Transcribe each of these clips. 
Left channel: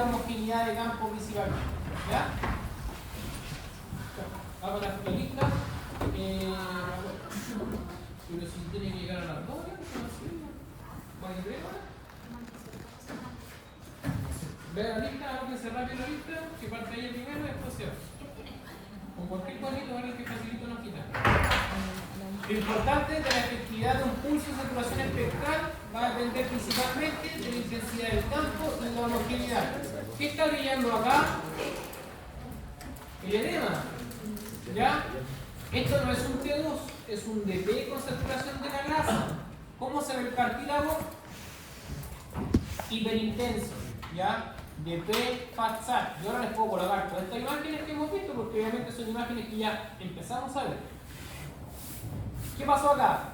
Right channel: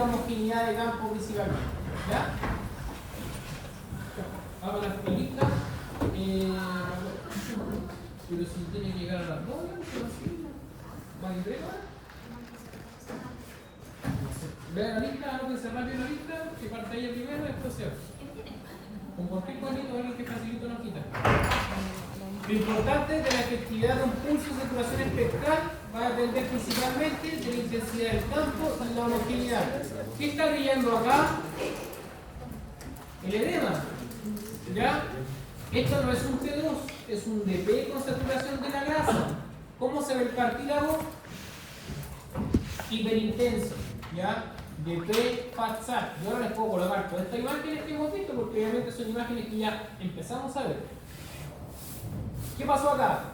genera homogeneidad de campo principalmente. ¿Ya? Hago las películas. Pero si tiene que llegar a las 2, ¿va a ir? Vea la lista, ábrese rápido la lista, que parte ella primero y después se va. Con cualquier cuadrito va a que facilita una quita. Lo importante de la efectividad de un pulso de saturación espectral va a depender principalmente de la intensidad del campo y la homogeneidad. ¿Qué está leyendo acá? El edema. ¿Ya? Esto no es un T2, es un dP con saturación de la grasa. ¿Cómo se ve el cartílago? Hiperintenso. ¿Ya? dP FATSAT. Yo ahora les puedo colocar todas estas imágenes que hemos visto porque obviamente son imágenes que ya empezamos a ver. ¿Qué pasó acá?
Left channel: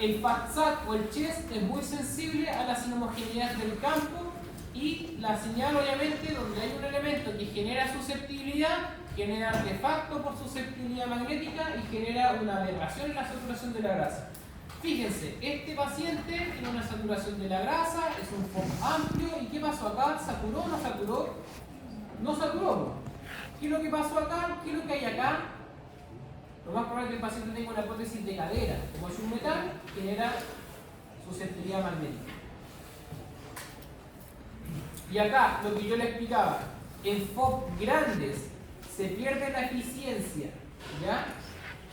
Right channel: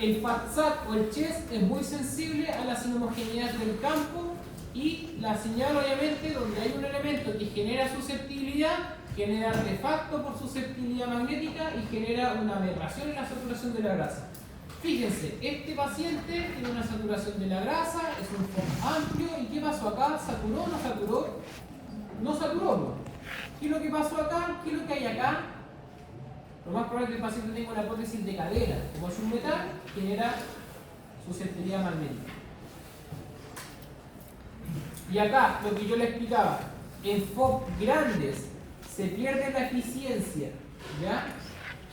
El FATSAT o el chest es muy sensible a las inhomogeneidades del campo y la señal obviamente donde hay un elemento que genera susceptibilidad, genera artefacto por susceptibilidad magnética y genera una aberración en la saturación de la grasa. Fíjense, este paciente tiene una saturación de la grasa, es un FOB amplio, ¿y qué pasó acá? ¿Saturó o no saturó? No saturó. ¿Qué es lo que pasó acá? ¿Qué es lo que hay acá? Lo más probable es que el paciente tenga una prótesis de cadera. Como es un metal, genera susceptibilidad magnética. Y acá, lo que yo le explicaba, en FOB grandes se pierde la eficiencia, ¿ya?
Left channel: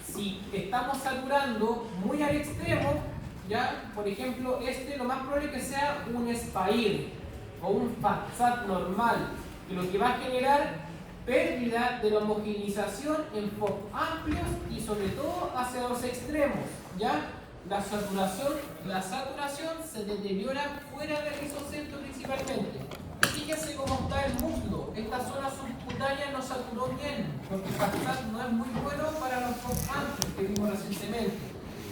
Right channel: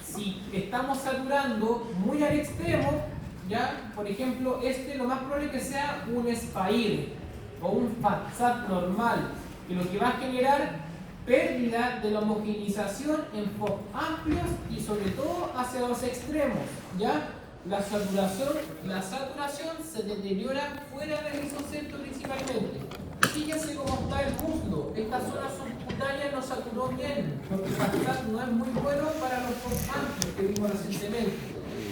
Si estamos saturando muy al extremo, ¿ya? Por ejemplo, lo más probable es que sea un SPAIR o un FATSAT normal, y lo que va a generar pérdida de la homogeneización en FOB amplios y sobre todo hacia los extremos, ¿ya? La saturación se deteriora fuera del isocentro principalmente. Fíjense cómo está el muslo. Esta zona subcutánea no saturó bien, porque el FATSAT no es muy bueno para los FOB amplios que vimos recientemente.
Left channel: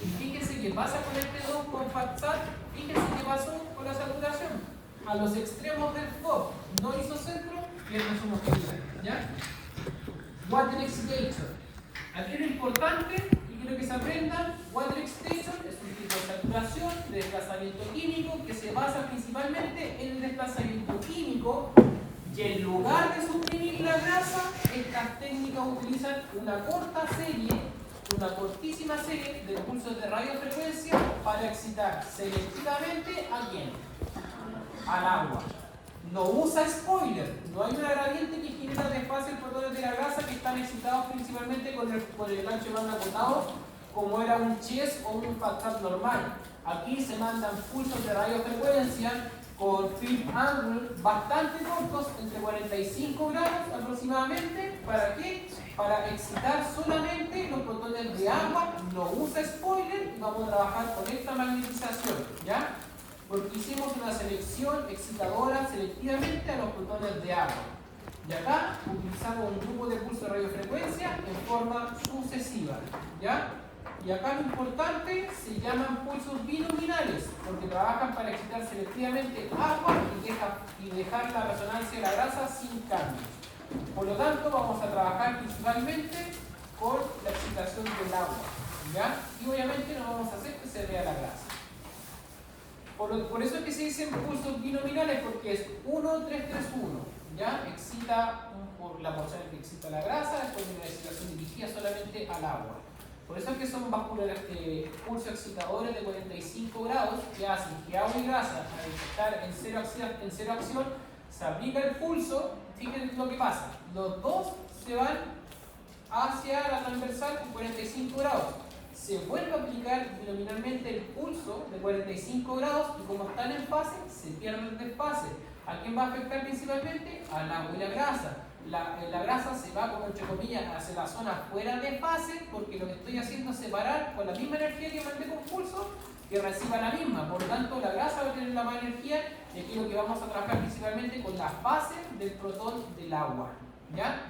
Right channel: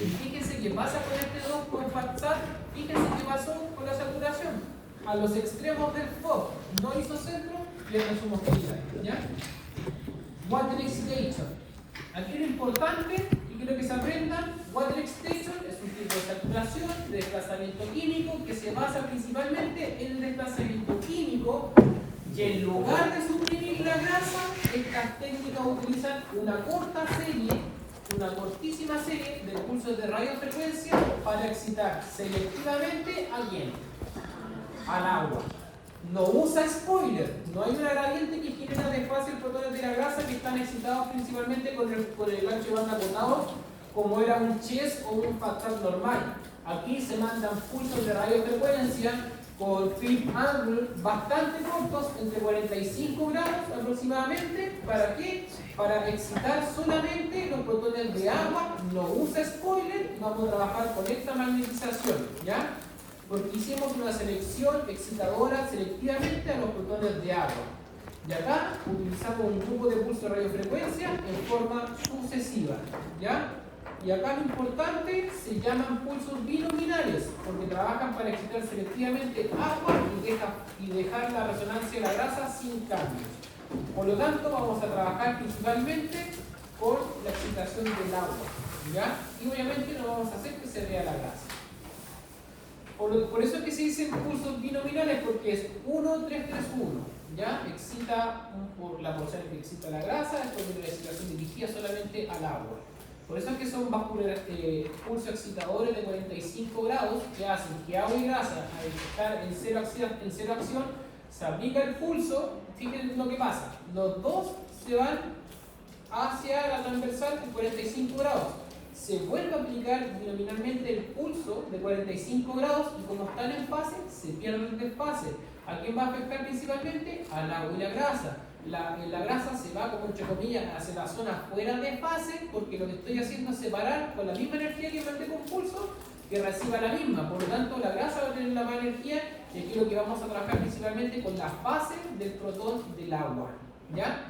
Y fíjense qué pasa con este 2 con FATSAT, fíjense qué pasó con la saturación. A los extremos del FOB no isocentro, pierde su homogeneidad, ¿ya? Water excitation. Aquí lo importante, y quiero que se aprendan, water excitation es un tipo de saturación de desplazamiento químico que se basa principalmente en el desplazamiento químico, y en lugar de suprimir la grasa, estas técnicas utilizan una cortísima serie de pulsos de radiofrecuencia para excitar selectivamente a quién? Al agua. No usa spoiler, no hay un gradiente que genera desfase en fotones de la grasa que están excitados principalmente con el ancho banda acotado, como era un chest o un FATSAT normal. Aquí se mandan pulsos de radiofrecuencia con flip angle bastante cortos, entre 45 grados aproximadamente. ¿Para qué? Para excitar solamente los protones de agua, no usa spoiler y vamos a trabajar con esta magnetización, ¿ya? Porque hicimos una selección excitadora selectivamente a los protones de agua. Y acá utilizamos un grupo de pulso de radiofrecuencia en forma sucesiva, ¿ya? Y acá lo importante se llaman pulsos binominales, porque trabajan para excitar selectivamente agua y dejar la resonancia de la grasa sin cambio. Por lo tanto, vamos a trabajar principalmente con la excitación del agua, ¿ya? Y obviamente no vamos a hacer que se vea la grasa. Por eso es que se dicen pulsos binominales, porque es 1, 3, 3, 1. ¿Ya? Excita por la porción que excita la grasa, después de una excitación dirigida solamente al agua. Por eso es que son pulsos excitadores de 45 grados que hacen que agua y grasa, al estar en cero acción, se aplica el pulso. Fíjense lo que pasa. Los dos se van hacia la transversal con 45 grados. Se vuelve a aplicar nominalmente el pulso de 45 grados y como están en fase, se pierde el desfase. ¿A quién va a afectar principalmente? Al agua y la grasa. La grasa se va, como entre comillas, hacia la zona fuera de fase, porque lo que estoy haciendo es separar con la misma energía que mandé con pulso, que reciba la misma. Por lo tanto, la grasa va a tener la más energía y aquí lo que vamos a trabajar principalmente con la fase del protón del agua, ¿ya?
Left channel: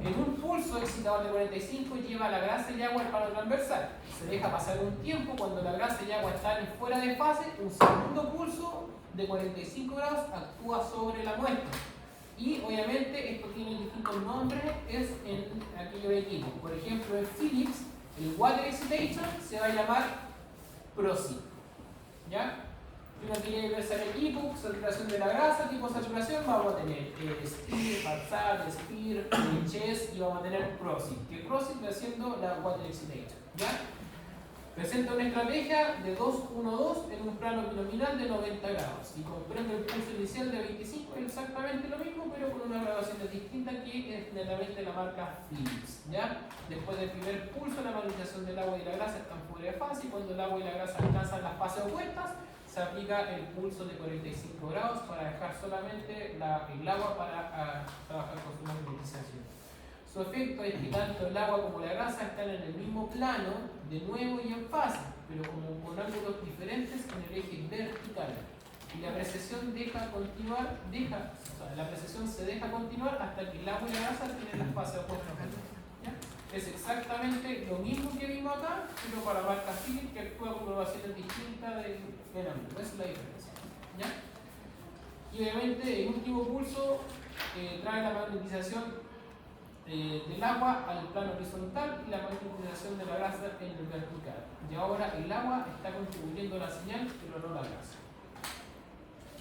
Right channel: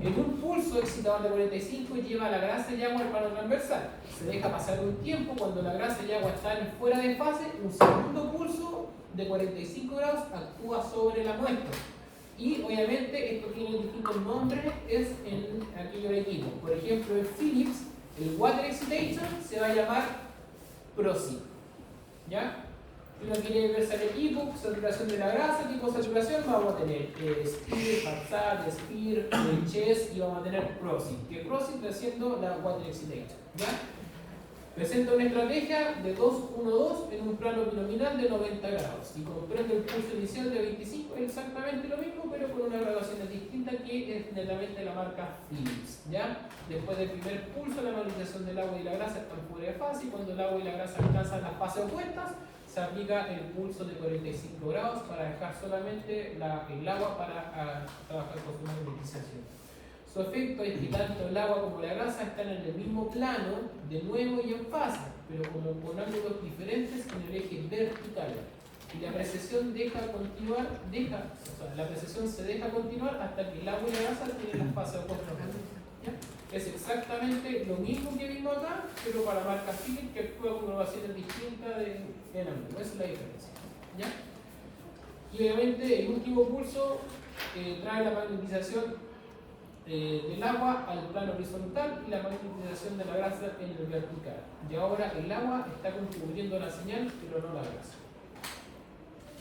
En un pulso excitador de 45 lleva la grasa y agua al plano transversal. Se deja pasar un tiempo, cuando la grasa y agua están fuera de fase, un segundo pulso de 45 grados actúa sobre la muestra. Y obviamente esto tiene distintos nombres, es en aquellos equipos. Por ejemplo, en Philips, el Water Excitation se va a llamar PROSI, ¿ya? Si uno quiere verse el equipo, saturación de la grasa, tipo de saturación, vamos a tener Spear, Backside, Spear, Chest y vamos a tener Crossing. Que Crossing está haciendo la Water Excitation. ¿Ya? Presenta una estrategia de 2-1-2 en un plano binomial de 90 grados. Y comprende el pulso inicial de 25, es exactamente lo mismo, pero con una grabación distinta que es generalmente la marca Philips. ¿Ya? Después del primer pulso, la magnetización del agua y la grasa están fuera de fase, y cuando el agua y la grasa alcanzan las fases opuestas, se aplica el pulso de 45 grados para dejar solamente el agua para trabajar con su magnetización. Su efecto es que tanto el agua como la grasa están en el mismo plano, de nuevo y en fase, pero como con ángulos diferentes en el eje vertical. Y la precesión la precesión se deja continuar hasta que el agua y la grasa tienen las fases opuestas. Es exactamente lo mismo que vimos acá, pero para la marca Philips, que actúa con una variación distinta del ángulo. Esa es la diferencia. ¿Ya? Y obviamente el último pulso trae la magnetización del agua al plano horizontal y la magnetización de la grasa en el vertical. Y ahora el agua está contribuyendo a la señal, pero no la grasa.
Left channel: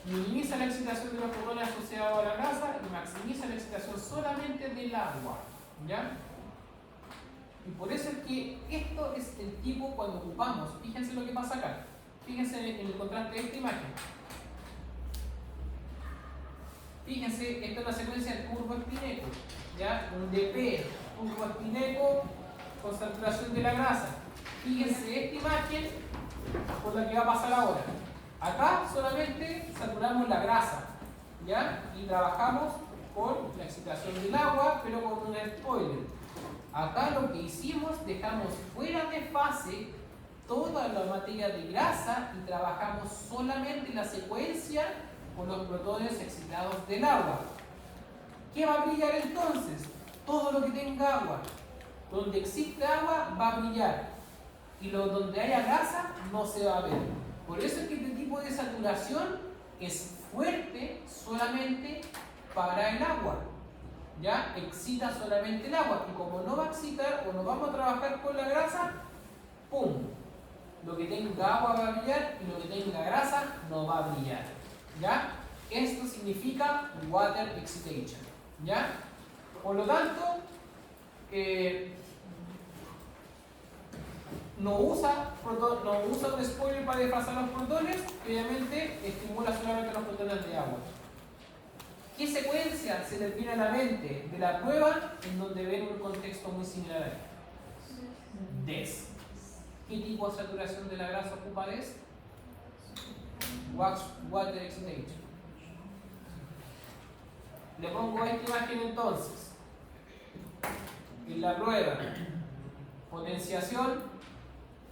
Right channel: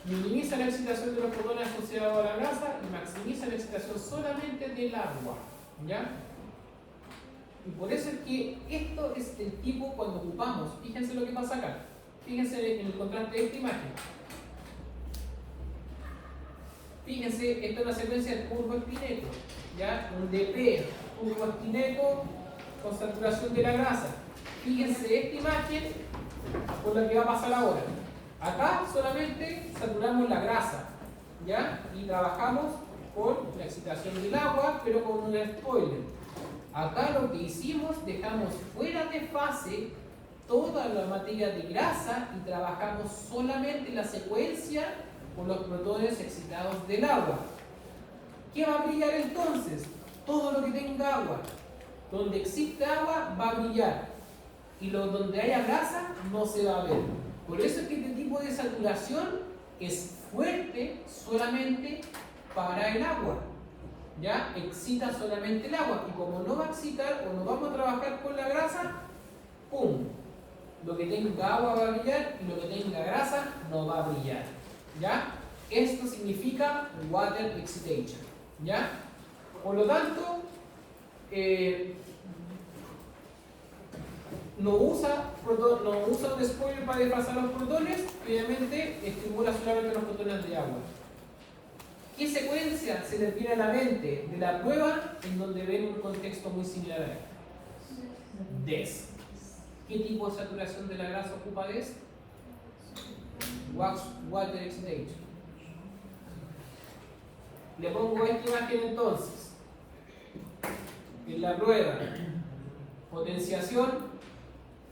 Minimiza la excitación de los protones asociados a la grasa y maximiza la excitación solamente del agua. ¿Ya? Y por eso es que esto es el tipo cuando ocupamos. Fíjense lo que pasa acá. Fíjense en el contraste de esta imagen. Fíjense, esta es una secuencia de turboactineco. ¿Ya? Un DP, turboactineco con saturación de la grasa. Fíjense esta imagen por la que va a pasar ahora. Acá solamente saturamos la grasa. ¿Ya? Y trabajamos con la excitación del agua, pero con un spoiler. Acá lo que hicimos, dejamos fuera de fase toda la materia de grasa y trabajamos solamente la secuencia con los protones excitados del agua. ¿Qué va a brillar entonces? Todo lo que tenga agua. Donde existe agua va a brillar. Y donde haya grasa no se va a ver. Por eso es que este tipo de saturación es fuerte solamente para el agua. ¿Ya? Excita solamente el agua. Y como no va a excitar o no vamos a trabajar con la grasa, ¡pum! Lo que tenga agua va a brillar y lo que tenga grasa no va a brillar. ¿Ya? Esto significa water excitation. ¿Ya? Por lo tanto, no usa un spoiler para desplazar los protones, obviamente estimula solamente los protones de agua. ¿Qué secuencia se le viene a la mente de la prueba en donde ven un contexto muy similar a él? DES. ¿Qué tipo de saturación de la grasa ocupa DES? Water excitation. Le pongo esta imagen entonces. En la prueba, potenciación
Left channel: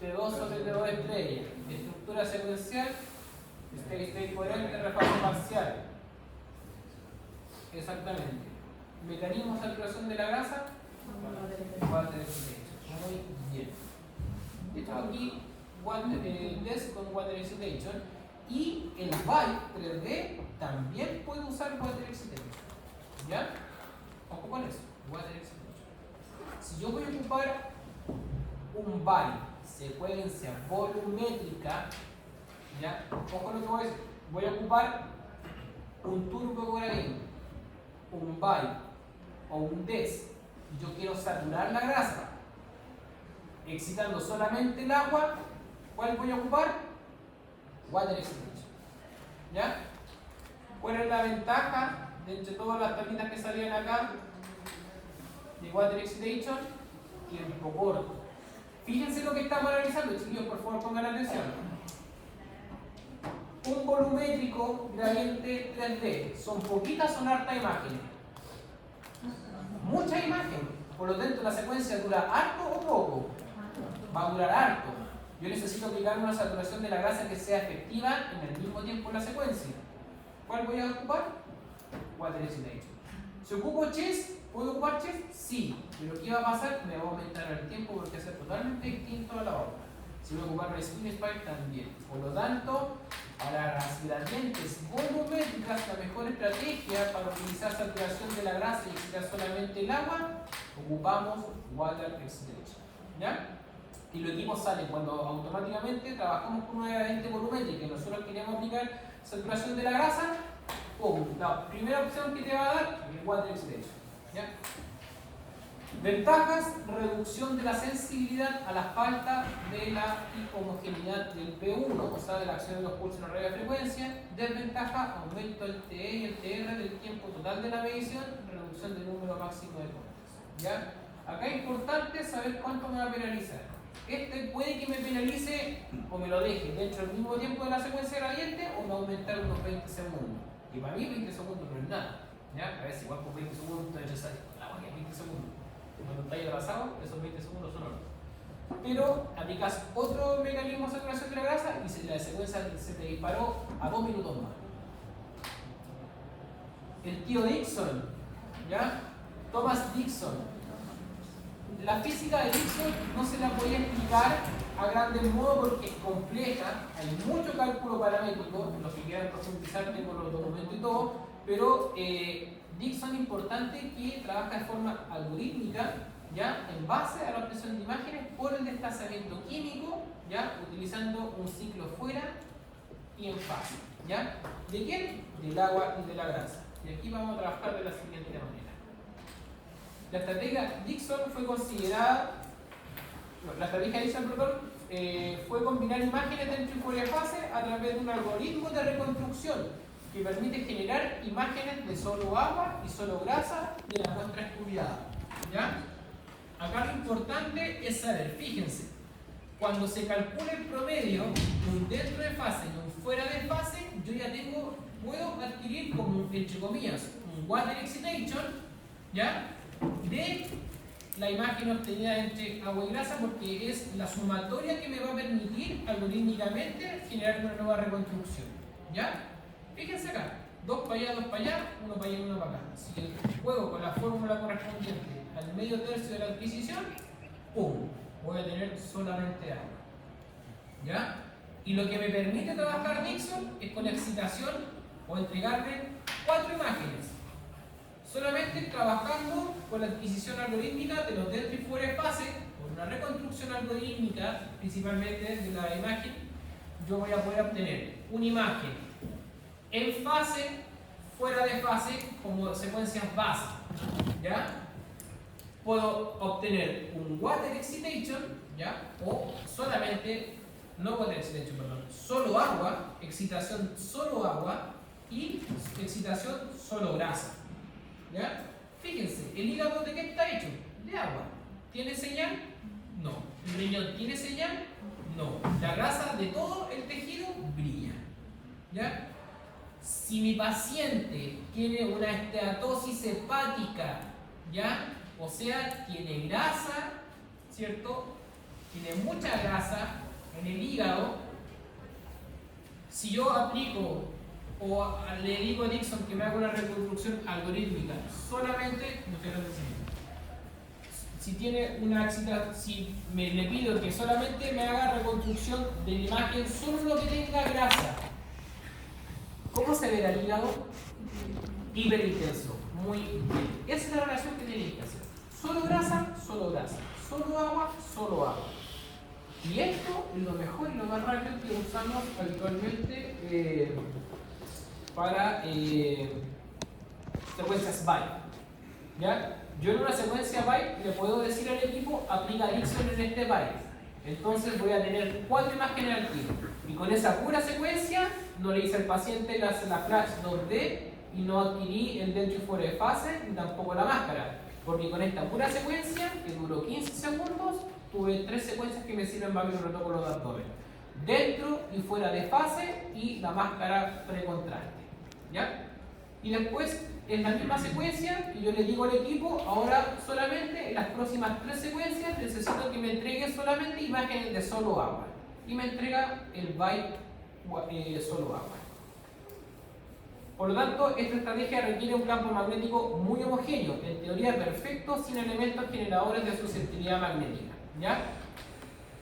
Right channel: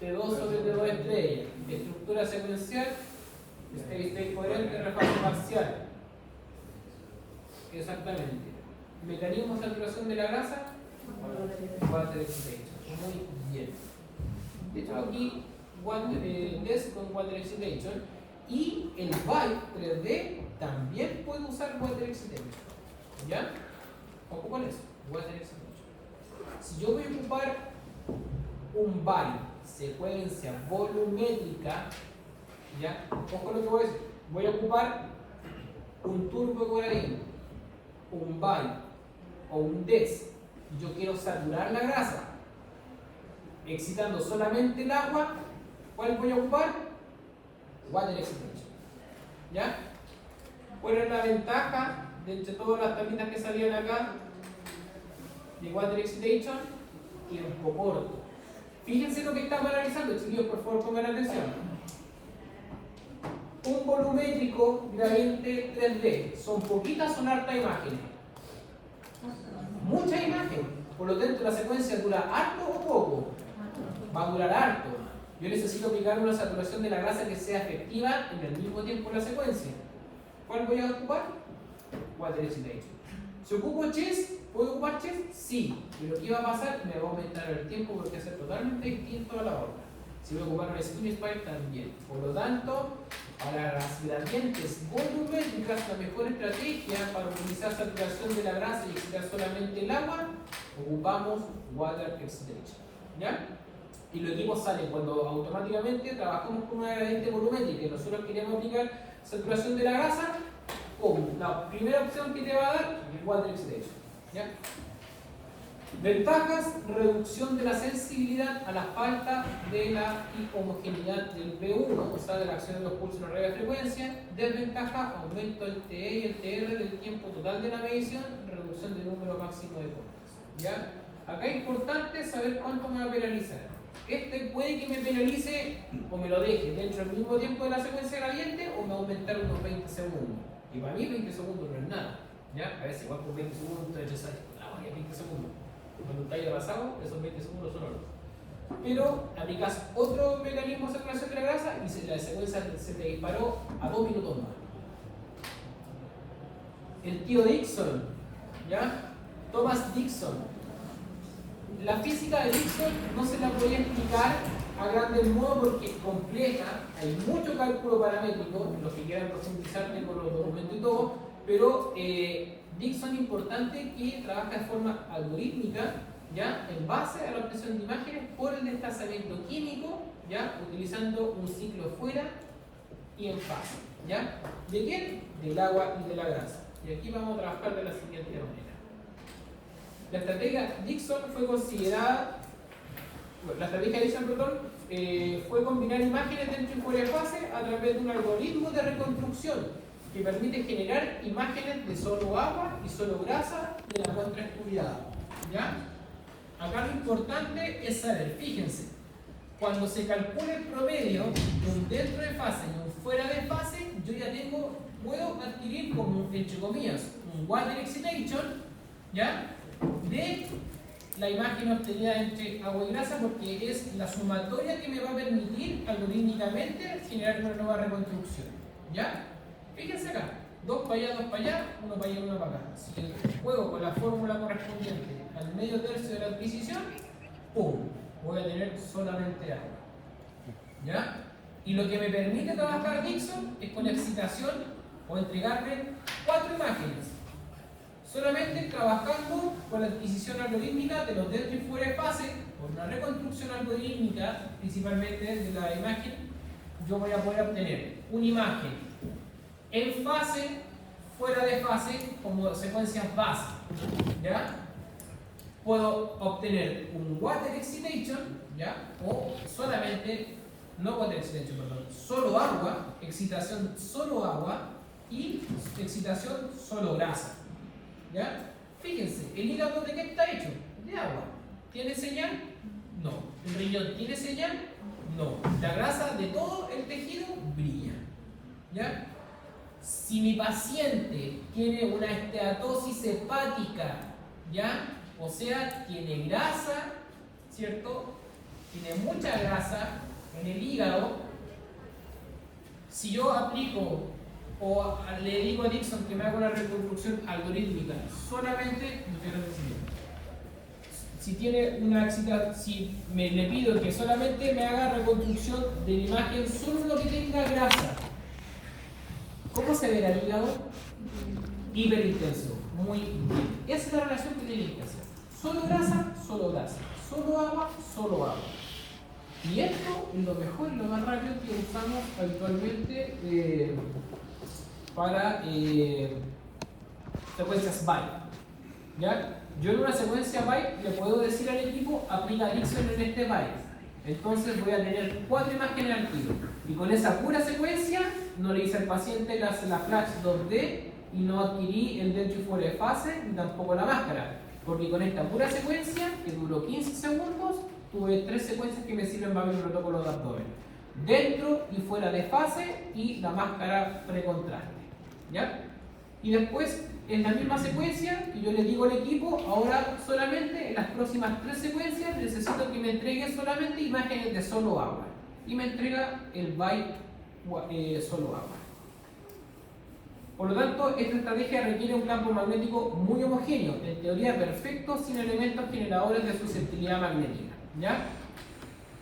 T2 sobre T2 estrella, estructura secuencial, steady state coherente, refase parcial. Exactamente. Mecanismo de saturación de la grasa, water excitation. Muy bien. De hecho aquí el DES con water excitation y el Vibe 3D también puede usar water excitation. ¿Ya? Ojo con eso, water excitation. Si yo voy a ocupar un Vibe, secuencia volumétrica, ¿ya? Ojo lo que voy a decir. Voy a ocupar un turbocoralino, un Vibe o un DES. Yo quiero saturar la grasa, excitando solamente el agua. ¿Cuál voy a ocupar? Water excitation. ¿Ya? ¿Cuál es la ventaja de entre todas las tablitas que salían acá de water excitation? Tiempo corto. Fíjense lo que estamos analizando, chicos, por favor pongan atención. Un volumétrico gradiente 3D, ¿son poquitas o son harta imagen? Mucha imagen, por lo tanto la secuencia dura harto o poco. Va a durar harto. Yo necesito aplicar una saturación de la grasa que sea efectiva en el mismo tiempo en la secuencia. ¿Cuál voy a ocupar? Water excitation. Si ocupo chest, ¿puedo ocupar chest? Sí, pero ¿qué va a pasar? Me va a aumentar el tiempo porque va a ser totalmente distinto a la otra. Si voy a ocupar la Skin Spire también. Por lo tanto, para las gradientes volumétricas, la mejor estrategia para utilizar saturación de la grasa y excitar solamente el agua, ocupamos water excitation. ¿Ya? y los equipos salen cuando automáticamente trabajamos con una gradiente volumétrica y nosotros queremos aplicar saturación de la grasa. ¡Pum! La primera opción que te va a dar es el water oxidation. ¿Ya? Ventajas: reducción de la sensibilidad a la falta de la homogeneidad del P1, o sea, de la acción de los pulsos en radiofrecuencia. Desventaja: aumento del TE y el TR del tiempo total de la medición, reducción del número máximo de cortes. ¿Ya? Acá es importante saber cuánto me va a penalizar. Este puede que me penalice o me lo deje dentro del mismo tiempo de la secuencia gradiente o me va a aumentar unos 20 segundos. Y para mí 20 segundos no es nada. ¿Ya? A ver si igual por 20 segundos te echas a 20 segundos. Cuando estáis atrasado, esos 20 segundos son horas. Pero aplicas otro mecanismo de saturación de la grasa y la secuencia se te disparó a 2 minutos más. El tío Dixon, ¿ya? Thomas Dixon. La física de Dixon no se la voy a explicar a grandes modos porque es compleja, hay mucho cálculo paramétrico, los que quieran profundizar tengo los documentos y todo, pero Dixon es importante que trabaja de forma algorítmica, ¿ya? En base a la obtención de imágenes por el desplazamiento químico, ¿ya? Utilizando un ciclo fuera y en fase, ¿ya? ¿De quién? Del agua y de la grasa. Y aquí vamos a trabajar de la siguiente manera. La estrategia Dixon fue considerada, la estrategia Dixon, fue combinar imágenes dentro y fuera de fase a través de un algoritmo de reconstrucción que permite generar imágenes de solo agua y solo grasa de la muestra estudiada. ¿Ya? Acá lo importante es saber, fíjense, cuando se calcula el promedio de un dentro de fase y un fuera de fase, yo ya puedo adquirir como, entre comillas, un water excitation, ¿ya? De la imagen obtenida entre agua y grasa, porque es la sumatoria que me va a permitir algorítmicamente generar una nueva reconstrucción. ¿Ya? Fíjense acá, 2 para allá, 2 para allá, 1 para allá, 1 para acá. Si juego con la fórmula correspondiente al medio tercio de la adquisición, ¡pum! Voy a tener solamente agua. ¿Ya? Y lo que me permite trabajar Dixon es con excitación o entregarle 4 imágenes. Solamente trabajando con la adquisición algorítmica de los dentro y fuera de fase, con una reconstrucción algorítmica, principalmente de la imagen, yo voy a poder obtener una imagen en fase, fuera de fase, como secuencias base. ¿Ya? Puedo obtener un water excitation, ¿ya? O solamente, no water excitation, perdón, solo agua, excitación solo agua y excitación solo grasa. ¿Ya? Fíjense, ¿el hígado de qué está hecho? De agua. ¿Tiene señal? No. ¿El riñón tiene señal? No. La grasa de todo el tejido brilla. ¿Ya? Si mi paciente tiene una esteatosis hepática, ¿ya? O sea, tiene grasa, ¿cierto? Tiene mucha grasa en el hígado. Si yo aplico o le digo a Dixon que me haga una reconstrucción algorítmica solamente, si tiene una excitación, si le pido que solamente me haga reconstrucción de la imagen solo lo que tenga grasa, ¿cómo se verá el hígado? Hiperintenso, muy bien. Esa es la relación que tienen que hacer. Solo grasa, solo grasa. Solo agua, solo agua. Y esto es lo mejor y lo más rápido que usamos habitualmente para secuencias byte. ¿Ya? Yo en una secuencia byte le puedo decir al equipo aplica Dixon en este byte. Entonces voy a tener 4 imágenes al tiro. Y con esa pura secuencia no le hice al paciente la flash 2D y no adquirí el dentro y fuera de fase ni tampoco la máscara. Porque con esta pura secuencia, que duró 15 segundos, tuve 3 secuencias que me sirven para ver el protocolo de abdomen. Dentro y fuera de fase y la máscara precontraste. ¿Ya? Y después, en la misma secuencia, que yo le digo al equipo, ahora solamente en las próximas 3 secuencias necesito que me entregue solamente imágenes de solo agua. Y me entrega el byte solo agua. Por lo tanto, esta estrategia requiere un campo magnético muy homogéneo, en teoría perfecto, sin elementos generadores de susceptibilidad magnética. ¿Ya?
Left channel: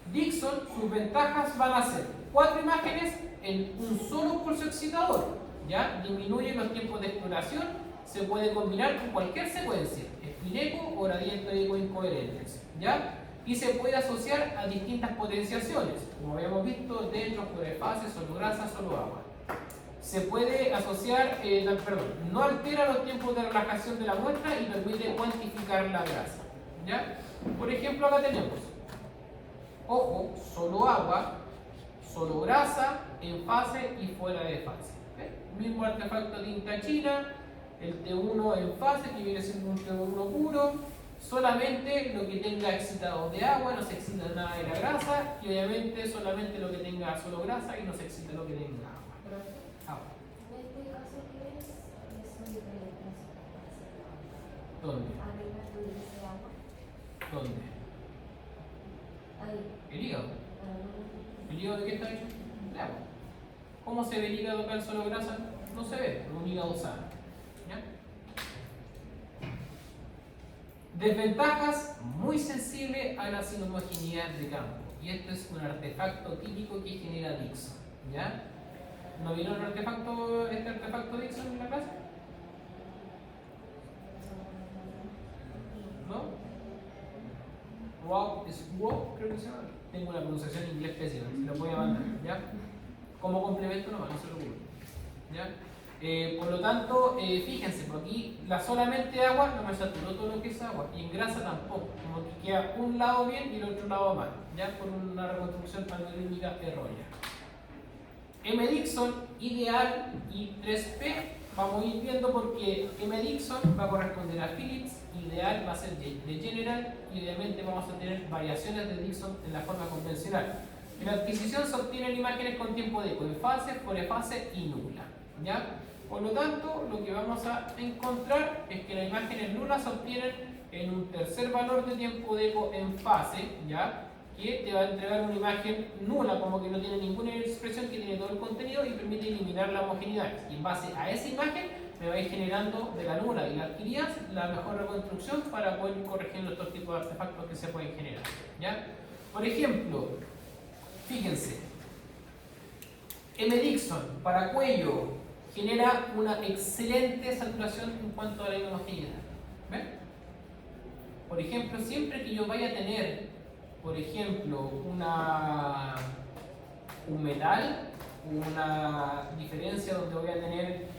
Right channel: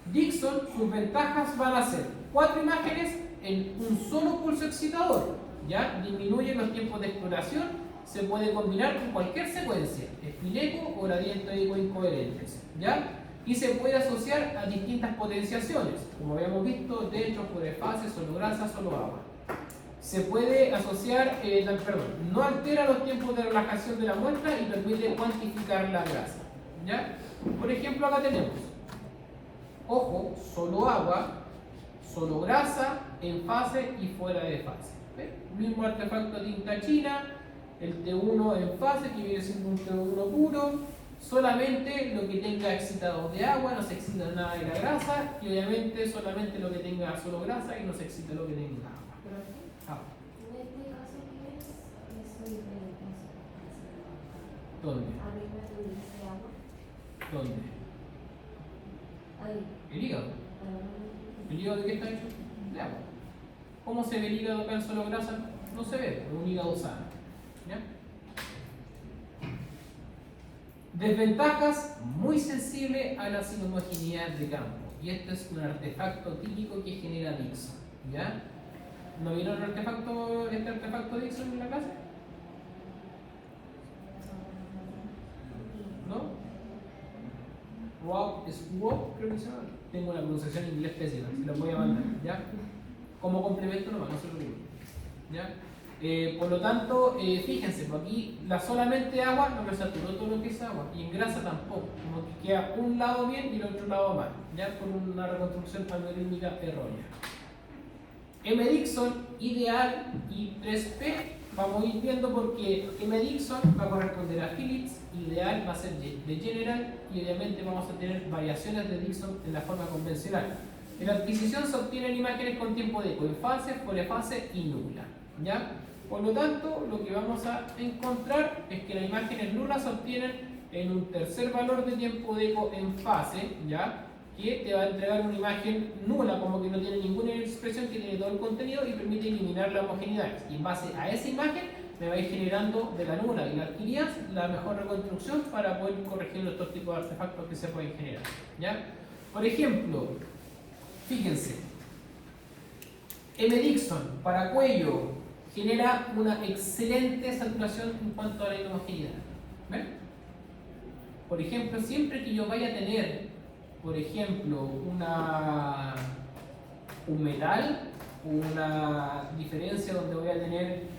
Dixon, sus ventajas van a ser 4 imágenes en un solo pulso excitador. ¿Ya? Disminuye los tiempos de exploración, se puede combinar con cualquier secuencia, espileco o gradiente de incoherentes. ¿Ya? y se puede asociar a distintas potenciaciones, como habíamos visto, dentro, fuera de fase, solo grasa, solo agua. Se puede asociar, no altera los tiempos de relajación de la muestra y permite cuantificar la grasa. ¿Ya? Por ejemplo, acá tenemos, ojo, solo agua, solo grasa, en fase y fuera de fase. ¿Okay? Mismo artefacto de tinta china, el T1 en fase, que viene siendo un T1 puro, solamente lo que tenga excitados de agua, no se excita nada de la grasa, y obviamente solamente lo que tenga solo grasa y no se excita lo que tenga agua. ¿Dónde? ¿Dónde? El hígado. ¿El hígado de qué está hecho? De agua. ¿Cómo se ve el hígado acá en solo grasa? No se ve, como un hígado sano. ¿Ya? Desventajas: muy sensible a la inhomogeneidad de campo. Y esto es un artefacto típico que genera Dixon. ¿Ya? ¿No vieron este artefacto Dixon en la casa? ¿No? Swap, creo que se llama. Tengo una pronunciación en inglés pésima, se lo voy a mandar, ¿ya? Como complemento nomás, no se preocupen, ¿ya? Por lo tanto, fíjense, aquí solamente agua no me saturó todo lo que es agua, y en grasa tampoco, como que queda un lado bien y el otro lado mal, ya por una reconstrucción algorítmica errónea. M-Dixon, ideal, y 3P, vamos a ir viendo porque M-Dixon va a corresponder a Phillips, ideal va a ser de General, y obviamente vamos a tener variaciones de Dixon en la forma convencional. En la adquisición se obtienen imágenes con tiempo de eco en fase, fuera de fase y nula. ¿Ya? Por lo tanto, lo que vamos a encontrar es que las imágenes nulas se obtienen en un tercer valor de tiempo de eco en fase, ¿ya? Que te va a entregar una imagen nula, como que no tiene ninguna expresión, que tiene todo el contenido y permite eliminar la homogeneidad. Y en base a esa imagen me va a ir generando de la nula y la adquirida la mejor reconstrucción para poder ir corrigiendo estos tipos de artefactos que se pueden generar. ¿Ya? Por ejemplo, fíjense, M-Dixon para cuello genera una excelente saturación en cuanto a la homogeneidad. ¿Ven? Por ejemplo, siempre que yo vaya a tener, por ejemplo, un metal, una diferencia donde voy a tener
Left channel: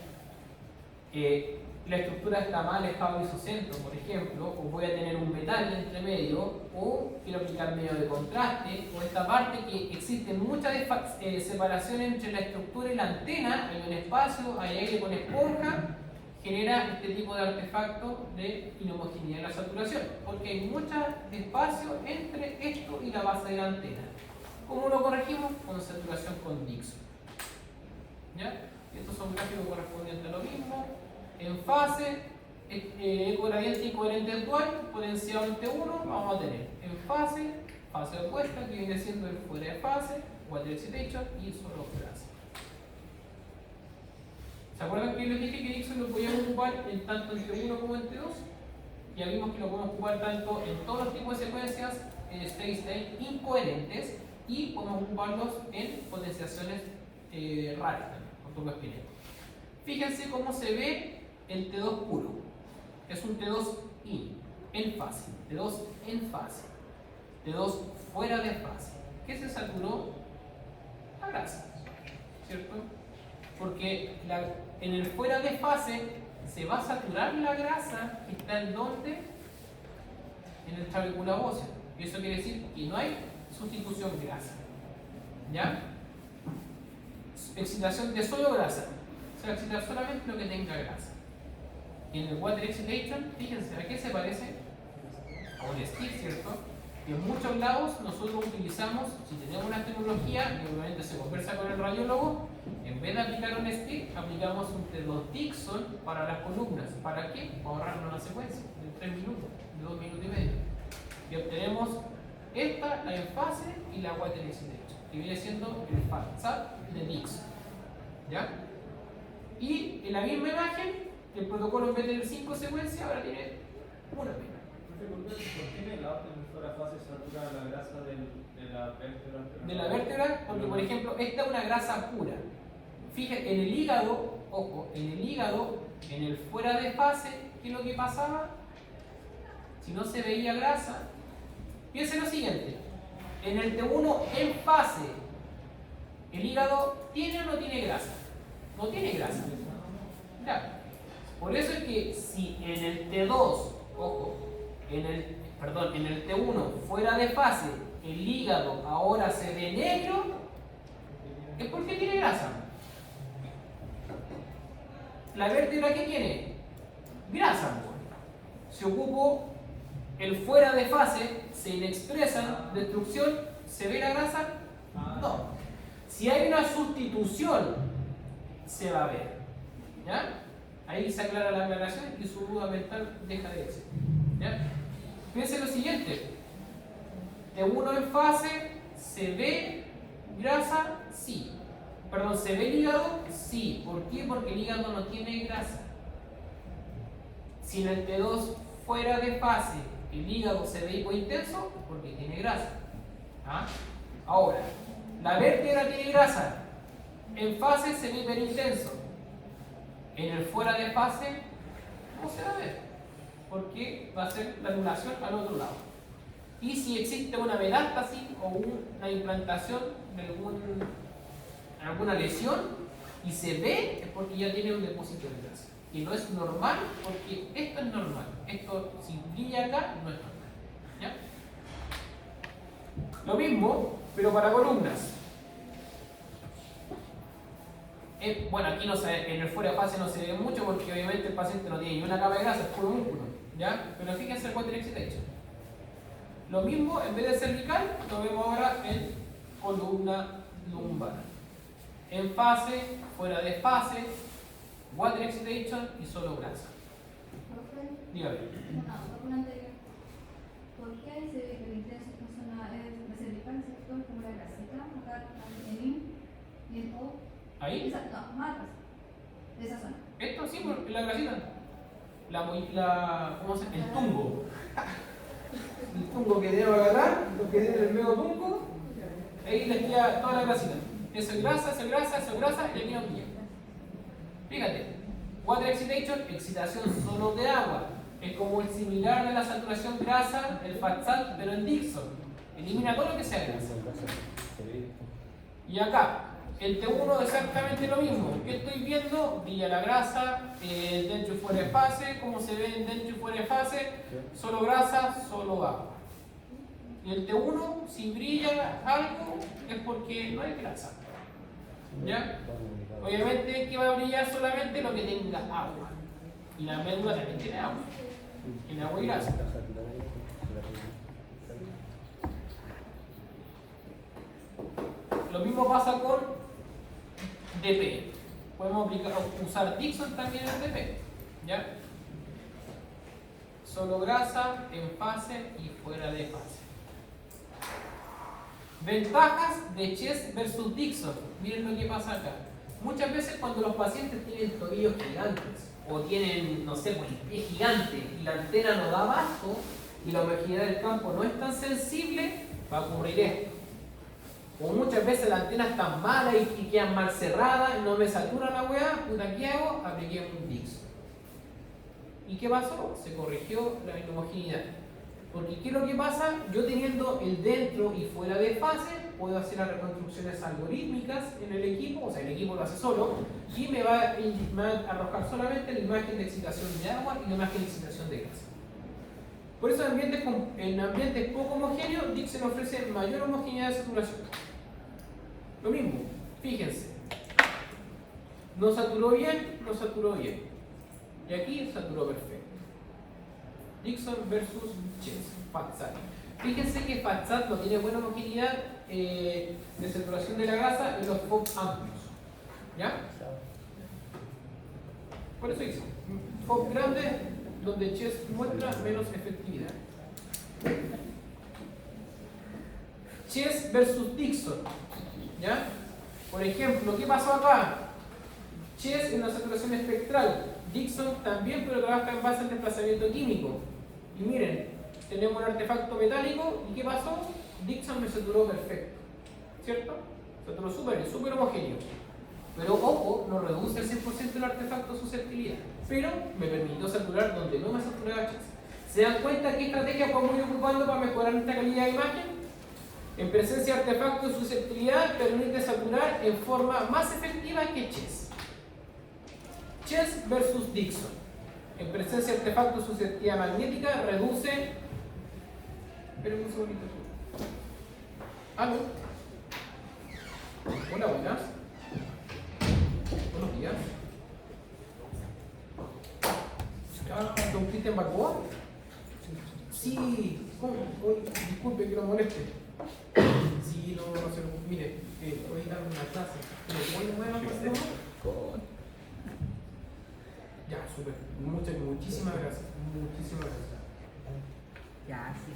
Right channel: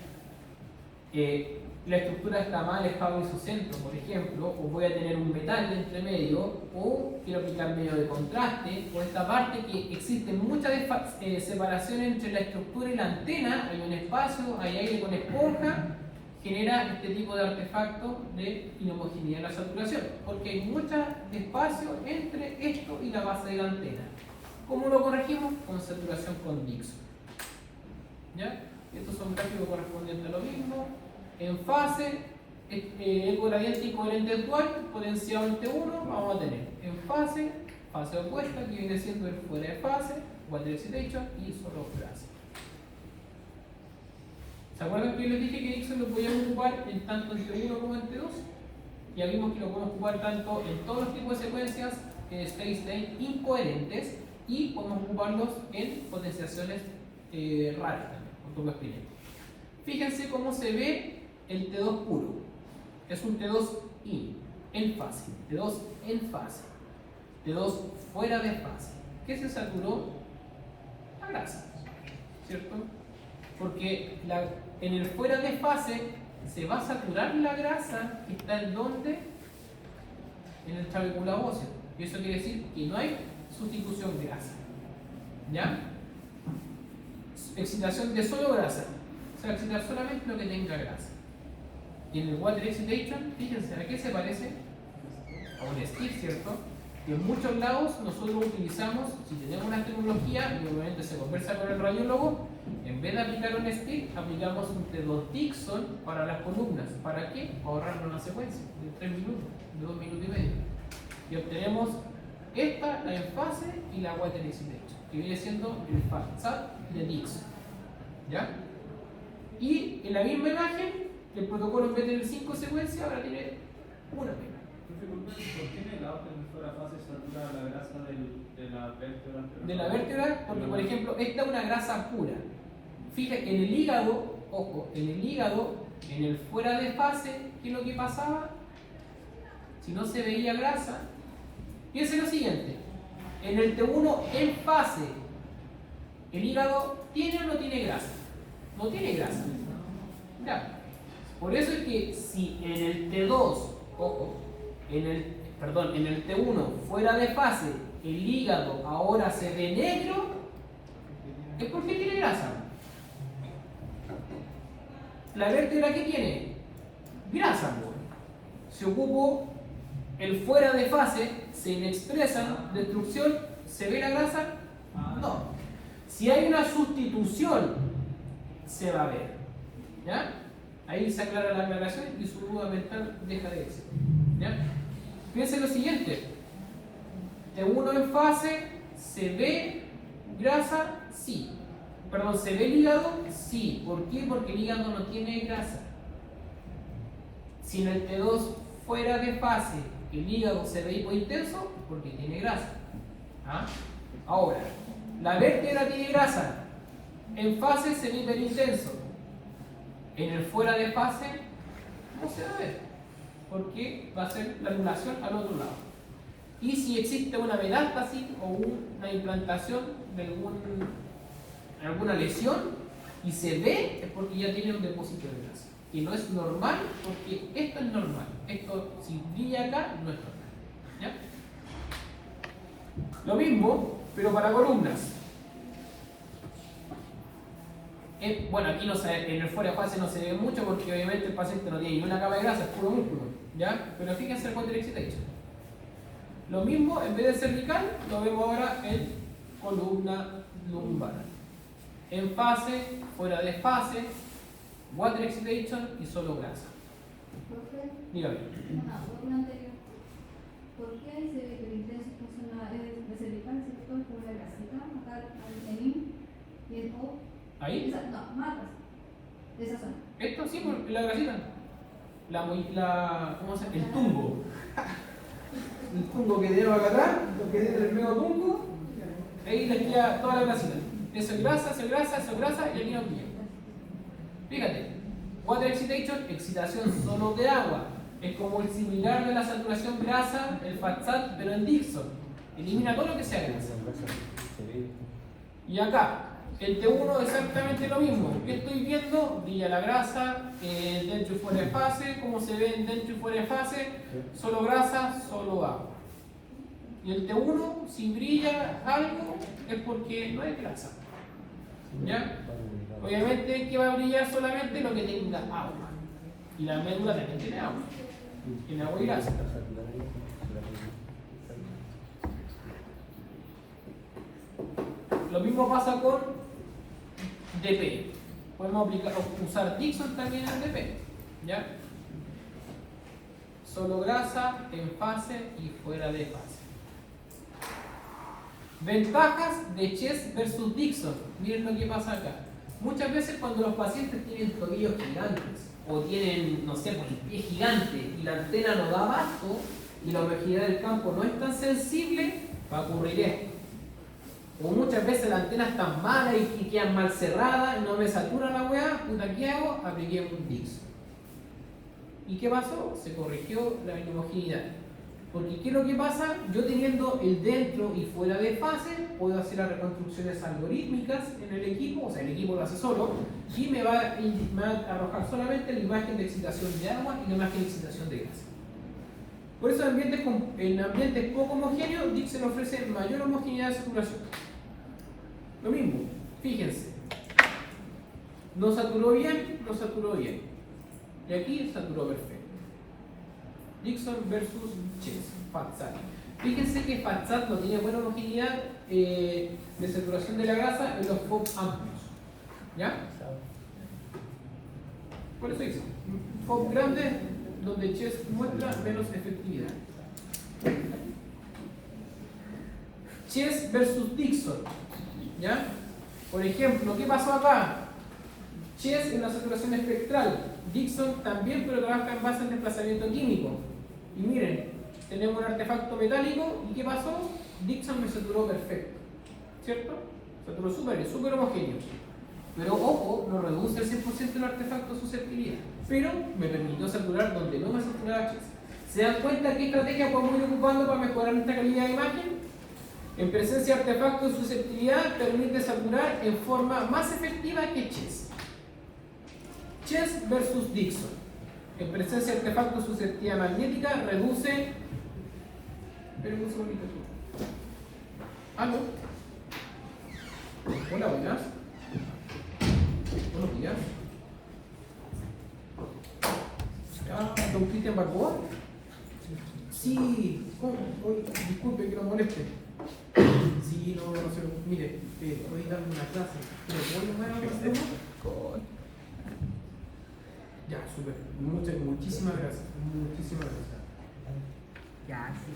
la estructura está mal alejada de su centro, por ejemplo, o voy a tener un metal entre medio, o quiero aplicar medio de contraste, o esta parte que existe mucha separación entre la estructura y la antena, hay un espacio, hay aire con esponja, genera este tipo de artefacto de inhomogeneidad en la saturación, porque hay mucho espacio entre esto y la base de la antena. ¿Cómo lo corregimos? Con saturación con Dixon. ¿Ya? Estos son gráficos correspondientes a lo mismo. En fase, el gradiente y coherente actual, potencial T1, vamos a tener en fase opuesta, que viene siendo el fuera de fase, water excitation y solo grasa. ¿Se acuerdan que yo les dije que Dixon lo podíamos ocupar tanto en T1 como en T2? Ya vimos que lo podemos ocupar tanto en todos los tipos de secuencias state incoherentes y podemos ocuparlos en potenciaciones raras también, por todo lo que fíjense cómo se ve el T2 puro. Es un T2 en fase, T2 en fase, T2 fuera de fase. ¿Qué se saturó? La grasa, ¿cierto? Porque en el fuera de fase se va a saturar la grasa que está en donde, en el trabécula óseo. Y eso quiere decir que no hay sustitución grasa. ¿Ya? Excitación de solo grasa. O sea, excitar solamente lo que tenga grasa. Y en el water excitation, fíjense, ¿a qué se parece? A un stick, ¿cierto? Que en muchos lados nosotros utilizamos, si tenemos una tecnología, y obviamente se conversa con el radiólogo, en vez de aplicar un stick, aplicamos los Dixon para las columnas. ¿Para qué? Para ahorrarnos una secuencia de 3 minutos, de 2 minutos y medio. Y obtenemos esta, la en fase, y la water excitation, que viene siendo el FASAP de Dixon. ¿Ya? Y en la misma imagen, el protocolo en vez de tener 5 secuencias, ahora tiene una misma. ¿Por qué en la otra fuera fase satura la grasa de la vértebra? De la vértebra, porque por ejemplo, esta es una grasa pura. Fíjate, en el hígado, ojo, en el hígado, en el fuera de fase, ¿qué es lo que pasaba? Si no se veía grasa, Piensen lo siguiente, en el T1 en fase, ¿el hígado tiene o no tiene grasa? No tiene grasa. Claro. Por eso es que si en el T2, ojo, en el T1 fuera de fase, el hígado ahora se ve negro, es porque tiene grasa. ¿La vértebra qué tiene? Grasa. Si ocupo el fuera de fase, se inexpresa, destrucción, ¿se ve la grasa? No. Si hay una sustitución, se va a ver. ¿Ya? Ahí se aclara la aclaración y su duda mental deja de existir. ¿Ya? Fíjense lo siguiente. T1 en fase, ¿se ve grasa? Sí. Perdón, ¿se ve el hígado? Sí. ¿Por qué? Porque el hígado no tiene grasa. Si en el T2 fuera de fase el hígado se ve hipointenso, porque tiene grasa. ¿Ah? Ahora, la vértebra tiene grasa. En fase se ve hiperintenso. En el fuera de fase no se va a ver, porque va a ser la anulación al otro lado. Y si existe una metástasis o una implantación de alguna lesión y se ve, es porque ya tiene un depósito de grasa. Y no es normal, porque esto es normal. Esto, si brilla acá, no es normal. ¿Ya? Lo mismo, pero para columnas. Bueno, aquí no se ve, en el fuera de fase no se ve mucho porque obviamente el paciente no tiene ninguna capa de grasa, es puro músculo. ¿Ya? Pero fíjense el quadriceps hecho. Lo mismo, en vez de cervical, lo vemos ahora en columna lumbar. En fase, fuera de fase, water excitation y solo grasa. Dígame. ¿Por qué ese hiperintenso funciona la cervical se actúa como una grasita? Acá en I y en O. ¿Ahí? No, marcas de esa zona. Esto sí, porque la grasita. ¿Cómo se llama? El tungo. El tungo que debe agarrar, lo que debe el medio tungo, ahí le queda toda la grasita. Eso es grasa, eso es grasa, eso es grasa y aquí no brilla. Fíjate, water excitation, excitación solo de agua. Es como el similar de la saturación grasa, el FATSAT, pero en Dixon. Elimina todo lo que sea grasa. Y acá, el T1 exactamente lo mismo. ¿Qué estoy viendo? Brilla la grasa, dentro y fuera de fase. ¿Cómo se ve dentro y fuera de fase? Solo grasa, solo agua. Y el T1, si brilla algo, es porque no hay grasa. ¿Ya? Obviamente que va a brillar solamente lo que tenga agua. Y la médula también tiene agua. Tiene agua y grasa. Lo mismo pasa con DP. Podemos usar Dixon también en DP. ¿Ya? Solo grasa, en fase y fuera de fase. Ventajas de Chess versus Dixon. Miren lo que pasa acá. Muchas veces cuando los pacientes tienen tobillos gigantes o tienen, no sé, pues el pie gigante y la antena no da abasto y la homogeneidad del campo no es tan sensible, va a ocurrir esto. O muchas veces la antena está mala y quedan mal cerradas y no me satura la weá, puta, ¿qué hago? Apliqué un Dixon. ¿Y qué pasó? Se corrigió la inhomogeneidad. Porque ¿qué es lo que pasa? Yo teniendo el dentro y fuera de fase, puedo hacer las reconstrucciones algorítmicas en el equipo, o sea, el equipo lo hace solo, y me va a arrojar solamente la imagen de excitación de agua y la imagen de excitación de grasa. Por eso en ambientes poco homogéneos, Dixon ofrece mayor homogeneidad de saturación. Lo mismo, fíjense, no saturó bien, no saturó bien. Y aquí saturó perfecto. Dixon versus Chess, FATSAT. Fíjense que FATSAT no tiene buena homogeneidad de saturación de la grasa en los FOB amplios. ¿Ya? Por eso dice, FOB grande, donde Chess muestra menos efectividad. Chess versus Dixon. ¿Ya? Por ejemplo, ¿qué pasó acá? Chess en la saturación espectral. Dixon también, pero trabaja en base al desplazamiento químico. Y miren, tenemos un artefacto metálico, ¿y qué pasó? Dixon me saturó perfecto, ¿cierto? Saturó súper homogéneo. Pero ojo, no reduce el 100% el artefacto susceptibilidad, pero me permitió saturar donde no me saturaba Chess. ¿Se dan cuenta qué estrategia podemos ir ocupando para mejorar nuestra calidad de imagen? En presencia de artefactos de susceptibilidad permite saturar en forma más efectiva que Chess. Chess versus Dixon. En presencia de artefactos de susceptibilidad magnética reduce. Esperen un segundito. ¿No? Hola, buenas. Buenos días. ¿Don Cristian Balboa? Sí, ¿cómo? Disculpe que lo moleste. Sí, no se lo mire, voy a dar una clase. ¿Pero voy a llamar a la persona? Ya, súper. Muchísimas gracias. Muchísimas gracias. Ya, sí.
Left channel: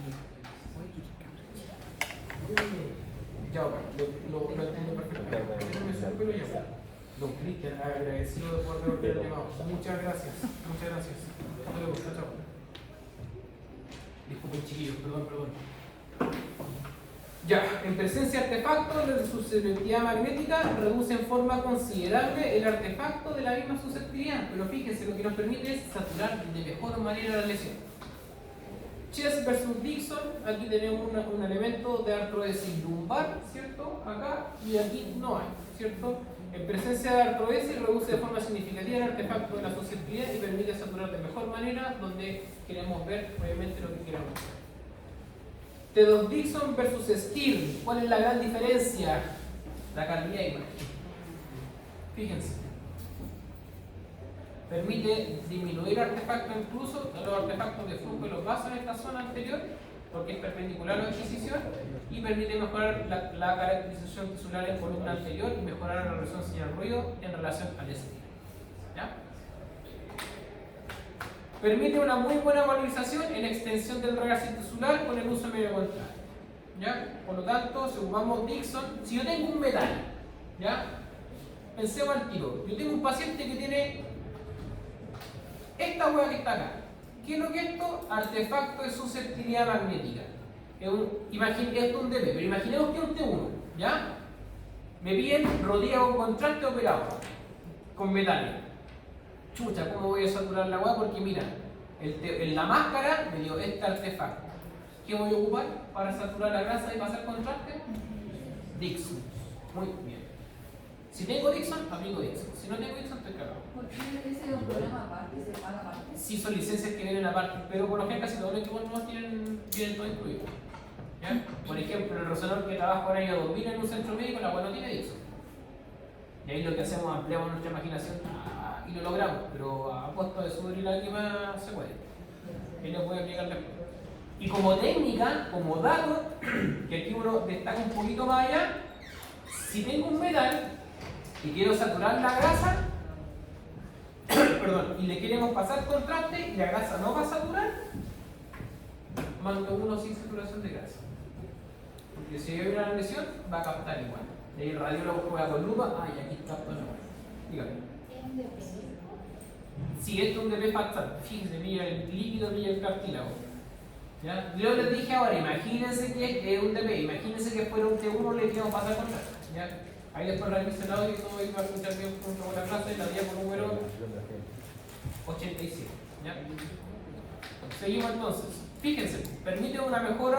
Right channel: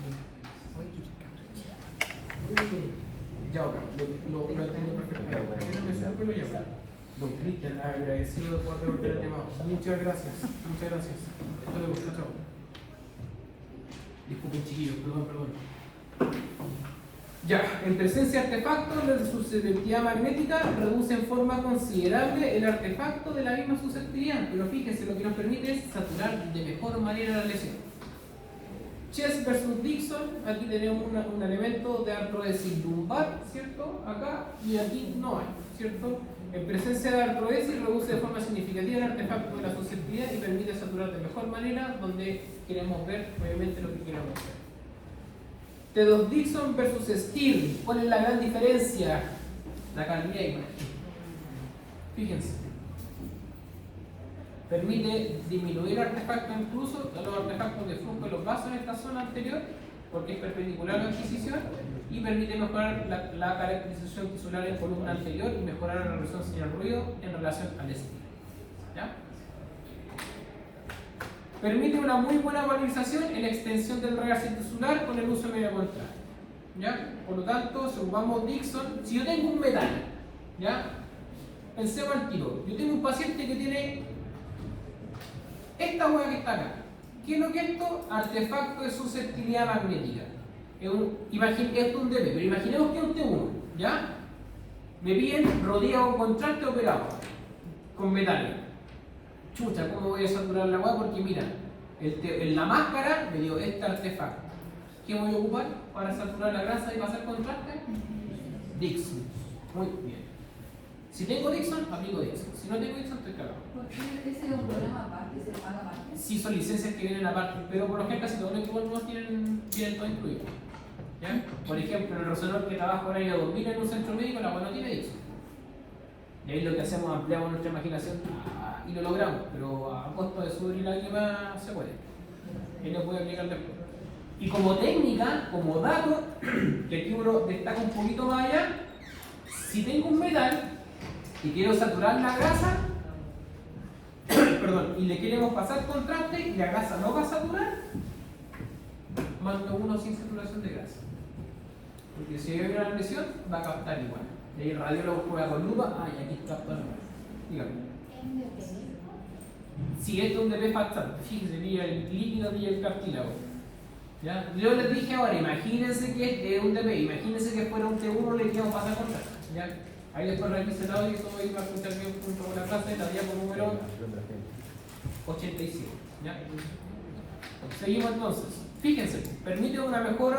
Ya, lo entiendo perfectamente. Don Cristian, agradecido por haber el tema. Muchas gracias. Muchas gracias. Hasta luego. Chao. Disculpen, chiquillos. Perdón. Ya, en presencia de artefactos, la susceptibilidad magnética reduce en forma considerable el artefacto de la misma susceptibilidad, pero fíjense, lo que nos permite es saturar de mejor manera la lesión. Chess versus Dixon, aquí tenemos un elemento de artrodesis lumbar, ¿cierto? Acá, y aquí no hay, ¿cierto? En presencia de artrodesis reduce de forma significativa el artefacto de la susceptibilidad y permite saturar de mejor manera donde queremos ver, obviamente, lo que queremos ver. T2 Dixon versus Stirling. ¿Cuál es la gran diferencia? La calidad de imagen. Fíjense. Permite disminuir artefactos, incluso los artefactos de flujo de los vasos en esta zona anterior, porque es perpendicular a la adquisición, y permite mejorar la caracterización tisular en columna anterior y mejorar la relación señal-ruido en relación al estilo. ¿Ya? Permite una muy buena valorización en la extensión del realce tisular con el uso medio contrario. ¿Ya? Por lo tanto, si ocupamos Dixon, si yo tengo un metal, ¿ya? Pensemos al tiro. Yo tengo un paciente que tiene esta hueá que está acá. ¿Qué es lo que es esto? Artefacto de susceptibilidad magnética. Esto es un DB, pero imaginemos que es un T1, ¿ya? Me piden rodilla con contraste operado con metal. Chucha, ¿cómo voy a saturar la hueá? Porque mira, en la máscara me dio este artefacto. ¿Qué voy a ocupar para saturar la grasa y pasar contraste? Dixon. Muy bien. Si tengo Dixon, aplico Dixon. Si no tengo Dixon, estoy cagado. ¿Por qué ese es un programa aparte? ¿Se paga aparte? Sí, son licencias que vienen aparte, pero por lo general casi todos los equipos vienen todo incluido. ¿Ya? Por ejemplo, el resonador que trabaja ahora en 2000 en un centro médico, la cual no tiene Dixon. Y ahí lo que hacemos, ampliamos nuestra imaginación y lo logramos, pero a costo de subir la lágrima se puede. Ahí lo voy a aplicar después. Y como técnica, como dato, que aquí uno destaca un poquito más allá, si tengo un metal y quiero saturar la grasa, perdón, y le queremos pasar contraste y la grasa no va a saturar, mando uno sin saturación de grasa. Porque si hay una lesión, va a captar igual. Y ahí el radiólogo juega con lupa, y aquí capta no. Dígame. Si esto es un DP pactante, fíjense, mira el líquido y el cartílago. ¿Ya? Yo les dije ahora, imagínense que es un DP, imagínense que fuera un T1 le queremos pasar contraste. ¿Ya? Ahí después realizo el audio y todo eso va a escuchar junto con la clase, la diapo número 87. ¿Ya? Seguimos entonces. Fíjense, permite una mejor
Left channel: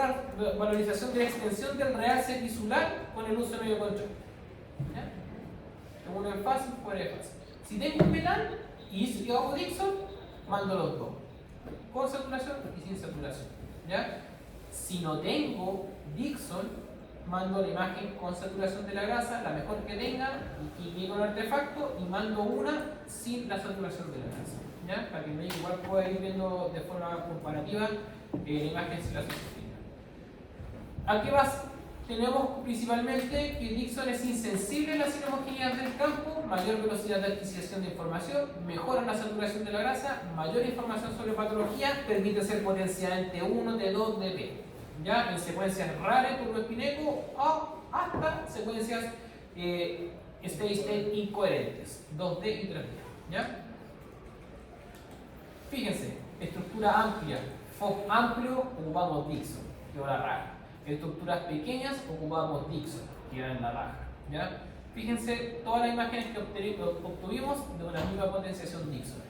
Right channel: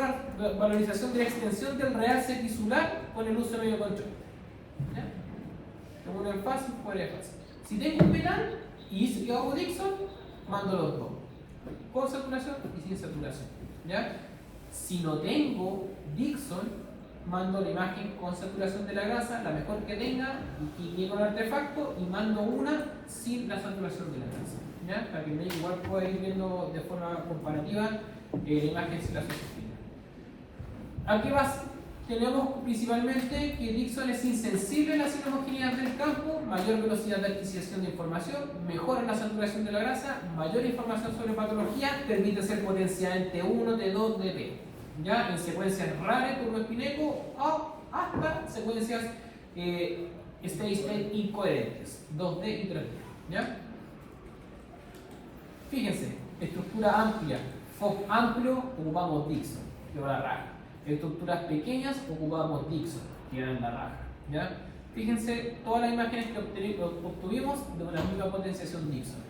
valorización de la extensión del realce tisular con el uso medio control. ¿Ya? Uno es fácil, fuera es fácil. Si tengo un metal y si yo hago Dixon, mando los dos. Con saturación y sin saturación. ¿Ya? Si no tengo Dixon, mando la imagen con saturación de la grasa, la mejor que tenga, y llego al artefacto y mando una sin la saturación de la grasa. ¿Ya? Para que el médico igual pueda ir viendo de forma comparativa la imagen sin la susceptibilidad. Aquí tenemos principalmente que Dixon es insensible a las inhomogeneidades del campo, mayor velocidad de adquisición de información, mejora la saturación de la grasa, mayor información sobre patología, permite ser potenciada en T1, T2, DP. ¿Ya? En secuencias raras, turboespineco, o hasta secuencias steady-state incoherentes, 2D y 3D. ¿Ya? Fíjense, estructura amplia, FOB amplio, ocupamos Dixon, que va a la raja. Estructuras pequeñas, ocupamos Dixon, que va en la raja. ¿Ya? Fíjense todas las imágenes que obtuvimos de una misma potenciación Dixon.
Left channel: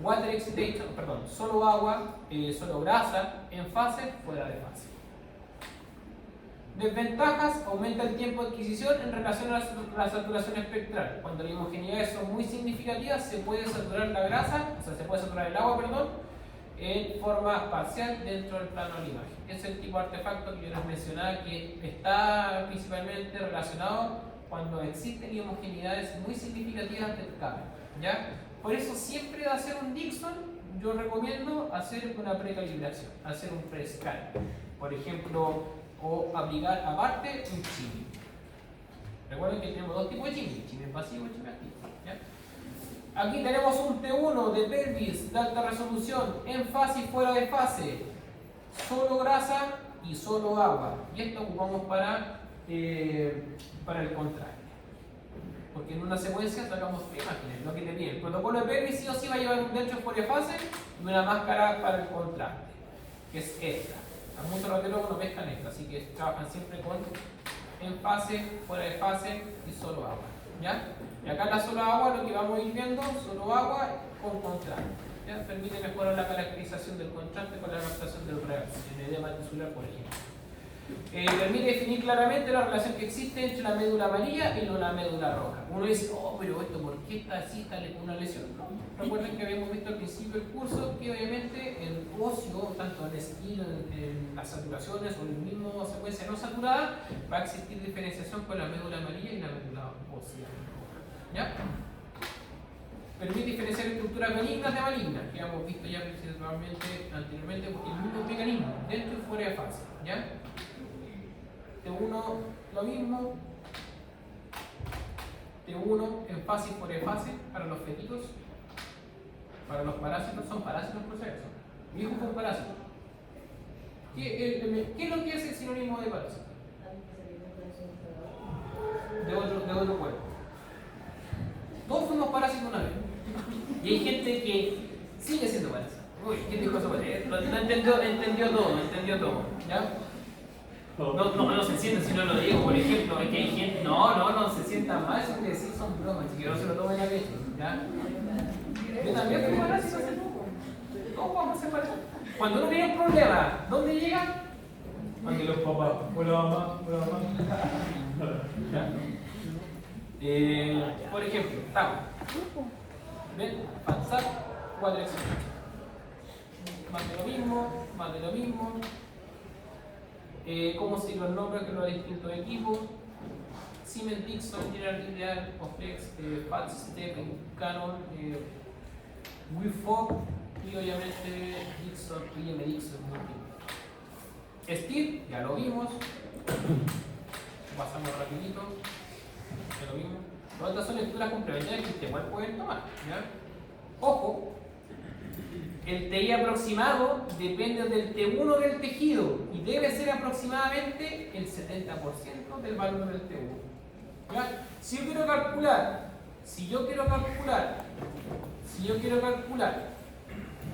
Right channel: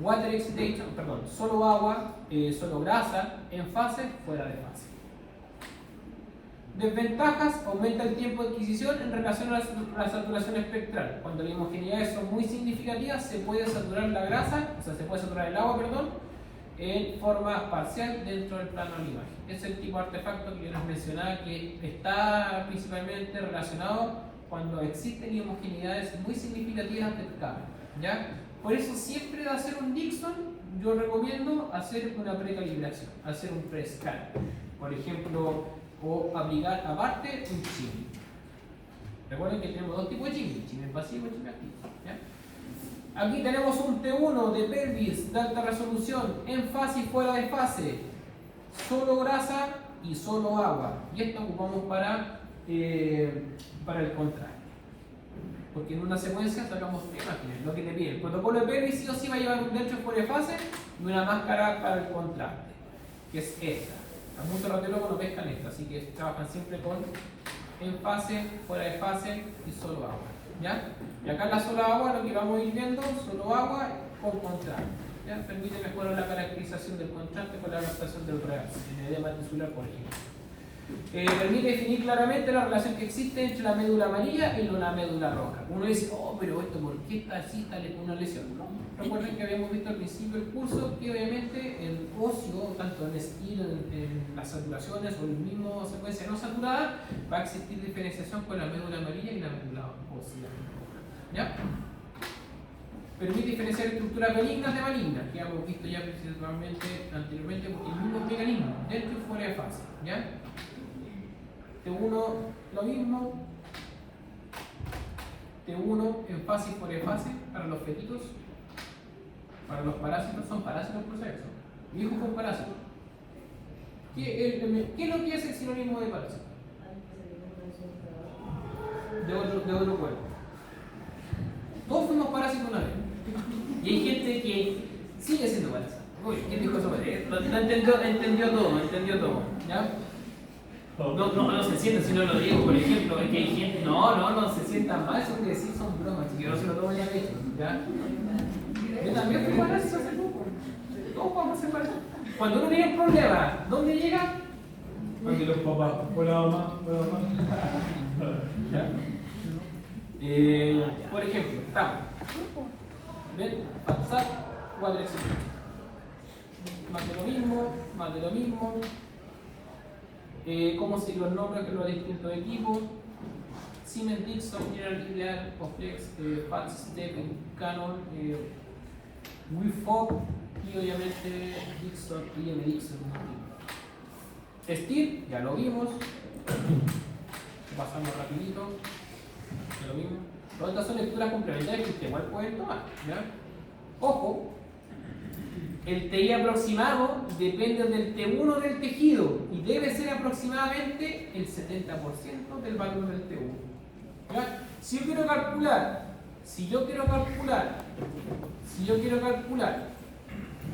water excitation, perdón, solo agua, solo grasa, en fase, fuera de fase. Desventajas: aumenta el tiempo de adquisición en relación a la saturación espectral. Cuando las homogeneidades son muy significativas, se puede saturar la grasa, o sea, se puede saturar el agua, perdón, en forma parcial dentro del plano de la imagen. Es el tipo de artefacto que yo les mencionaba, que está principalmente relacionado cuando existen homogeneidades muy significativas del cambio, ¿ya? Por eso siempre hacer un Dickson, yo recomiendo hacer una precalibración, hacer un pre-scan, por ejemplo, o aplicar aparte un chip. Recuerden que tenemos dos tipos de chip, chip pasivo y chip activo, ¿ya? Aquí tenemos un T1 de pelvis de alta resolución, en fase y fuera de fase, solo grasa y solo agua, y esto ocupamos para el contrario, porque en una secuencia sacamos imágenes, lo que le pide. El protocolo de pelvis sí o sí va a llevar un dentro fuera de fase y una máscara para el contraste, que es esta. A muchos radiólogos no pescan esta, así que trabajan siempre con en fase, fuera de fase y solo agua, ¿ya? Y acá la solo agua, lo que vamos a ir viendo, solo agua con contraste, ¿ya? Permite mejorar la caracterización del contraste con la adaptación del reverso, en idea maxilar, por ejemplo. Permite definir claramente la relación que existe entre la médula amarilla y la médula roja. Uno dice, oh, pero esto, ¿por qué está así, está con una lesión? No. Recuerden que habíamos visto al principio del curso que obviamente el óseo, tanto en estilo, en las saturaciones o en la misma secuencia no saturada, va a existir diferenciación con la médula amarilla y la médula ósea roja, ¿ya? Permite diferenciar estructuras benignas de malignas, que hemos visto ya principalmente anteriormente, porque el mismo mecanismo, dentro y fuera de fase, ¿ya? T1 lo mismo, T1 en fase y fuera de fase para los fetitos, para los parásitos. Son parásitos por si acaso. Mi hijo fue un parásito. ¿Qué es lo que es el sinónimo de parásito? De otro cuerpo. Todos fuimos parásitos una vez. Y hay gente que sigue siendo parásito. Uy, ¿quién dijo eso? Entendió todo, ¿ya? No se sientan si no lo digo, por ejemplo, es que hay gente, no se sientan mal, eso quiere decir son bromas, así que no se lo tomen a pecho, ¿ya? Yo también fui parásito hace poco. ¿Cómo vamos a ser parásitos? Cuando uno tiene un problema, ¿dónde llega? Aquí los papás, hola mamá, hola mamá. Por ejemplo, estamos. ¿Ven? Pasar, 4 excelentes. Más de lo mismo. ¿Cómo se los nombra que los distintos equipos? Siemens, Dixon, General Ideal, Oflex, Falstep, Canon, Wifop y obviamente Dixon y M. Dixon. Steel, ya lo vimos. Pasamos rapidito. Ya lo vimos. Todas estas son lecturas complementarias que igual pueden tomar, ¿ya? Ojo. El TI aproximado depende del T1 del tejido y debe ser aproximadamente el 70% del valor del T1. ¿Ya? Si yo quiero calcular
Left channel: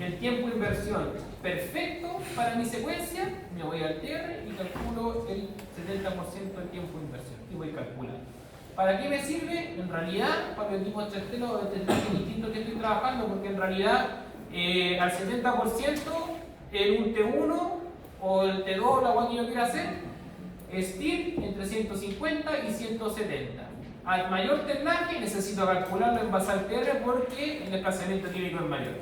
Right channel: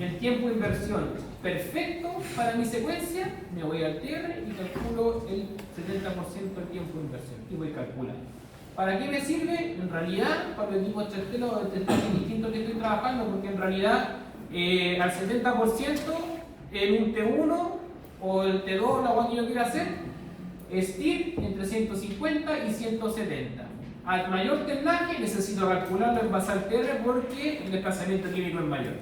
el tiempo de inversión perfecto para mi secuencia, me voy al TR y calculo el 70% del tiempo de inversión y voy a calcular. ¿Para qué me sirve? En realidad, para los tipos de distintos que estoy trabajando, porque en realidad al 70% en un T1 o el T2, la cual que yo quiera hacer, STIR entre 150 y 170. Al mayor tenaje necesito calcularlo en base al TR porque el desplazamiento químico es mayor.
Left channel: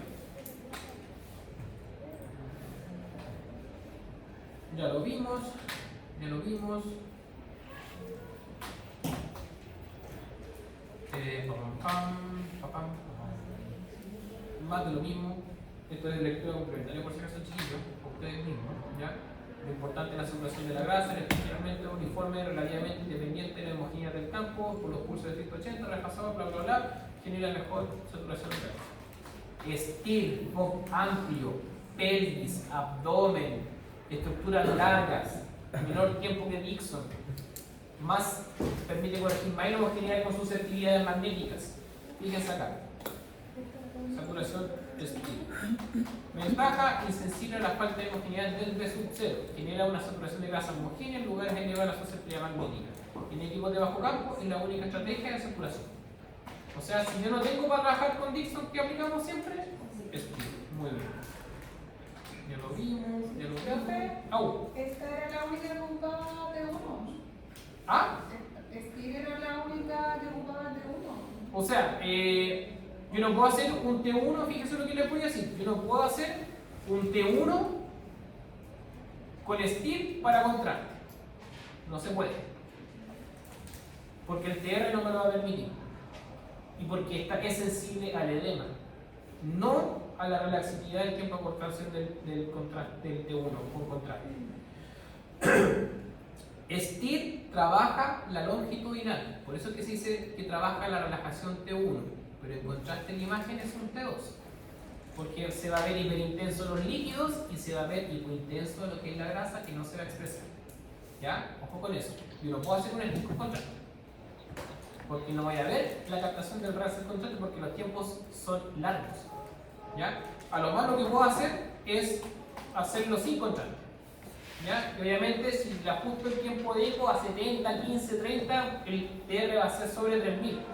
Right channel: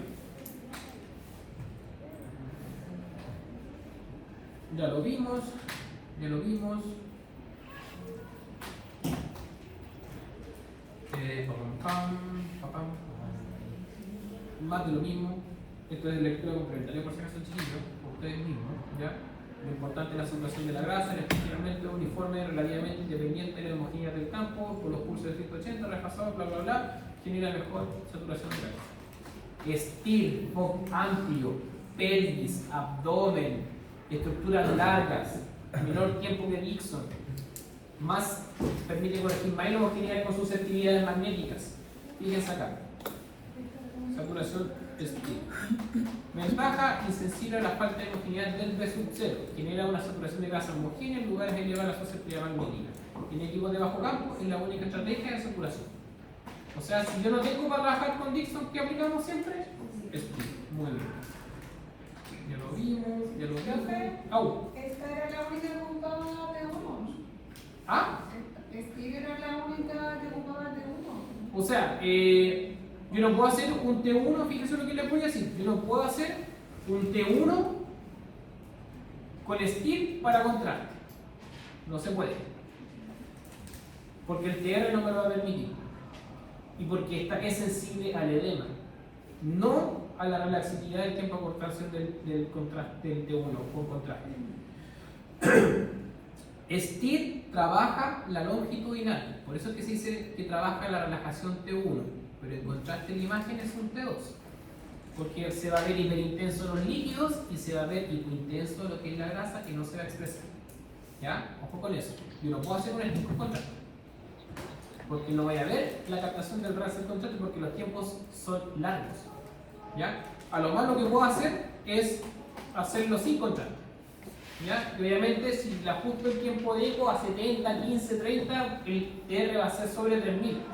Ya lo vimos. Más de lo mismo. Esto es de lectura complementaria por si acaso chiquillos, ustedes mismos, ¿ya? Lo importante es la saturación de la grasa, el especialmente uniforme, relativamente independiente de la homogeneidad del campo, con los pulsos de 180, repasados, bla bla bla, genera mejor saturación de grasa. Estil, amplio, pelvis, abdomen, estructuras largas, menor tiempo que Dixon, más permite corregir más homogeneidad con susceptibilidades magnéticas. Fíjense acá. Saturación estil. Ventaja insensible a la falta de homogeneidad del sub-0. Genera una saturación de grasa homogénea en lugares de elevar la susceptibilidad magnética. En equipos de bajo campo es la única estrategia de saturación. O sea, si yo no tengo para trabajar con Dixon, ¿qué aplicamos siempre? O sea, yo no puedo hacer un T1, fíjense lo que les voy a decir, yo no puedo hacer un T1 con STIR para contraste. No se puede. Porque el TR no me lo va a permitir. Y porque esta es sensible al edema, no a la relaxividad del tiempo de contracción del T1 con contraste. STIR trabaja la longitudinal, por eso es que se dice que trabaja la relajación T1, pero el contraste en la imagen es un T2, porque se va a ver hiperintenso los líquidos y se va a ver hipointenso lo que es la grasa que no se va a expresar. ¿Ya? Ojo con eso. Yo no puedo hacer un STIR con contraste, porque no vaya a ver la captación del raster contraste porque los tiempos son largos. ¿Ya? A lo más lo que puedo hacer es hacerlo sin contraste. ¿Ya? Y obviamente si le ajusto el tiempo de eco a 70, 15, 30, el TR va a ser sobre 3000,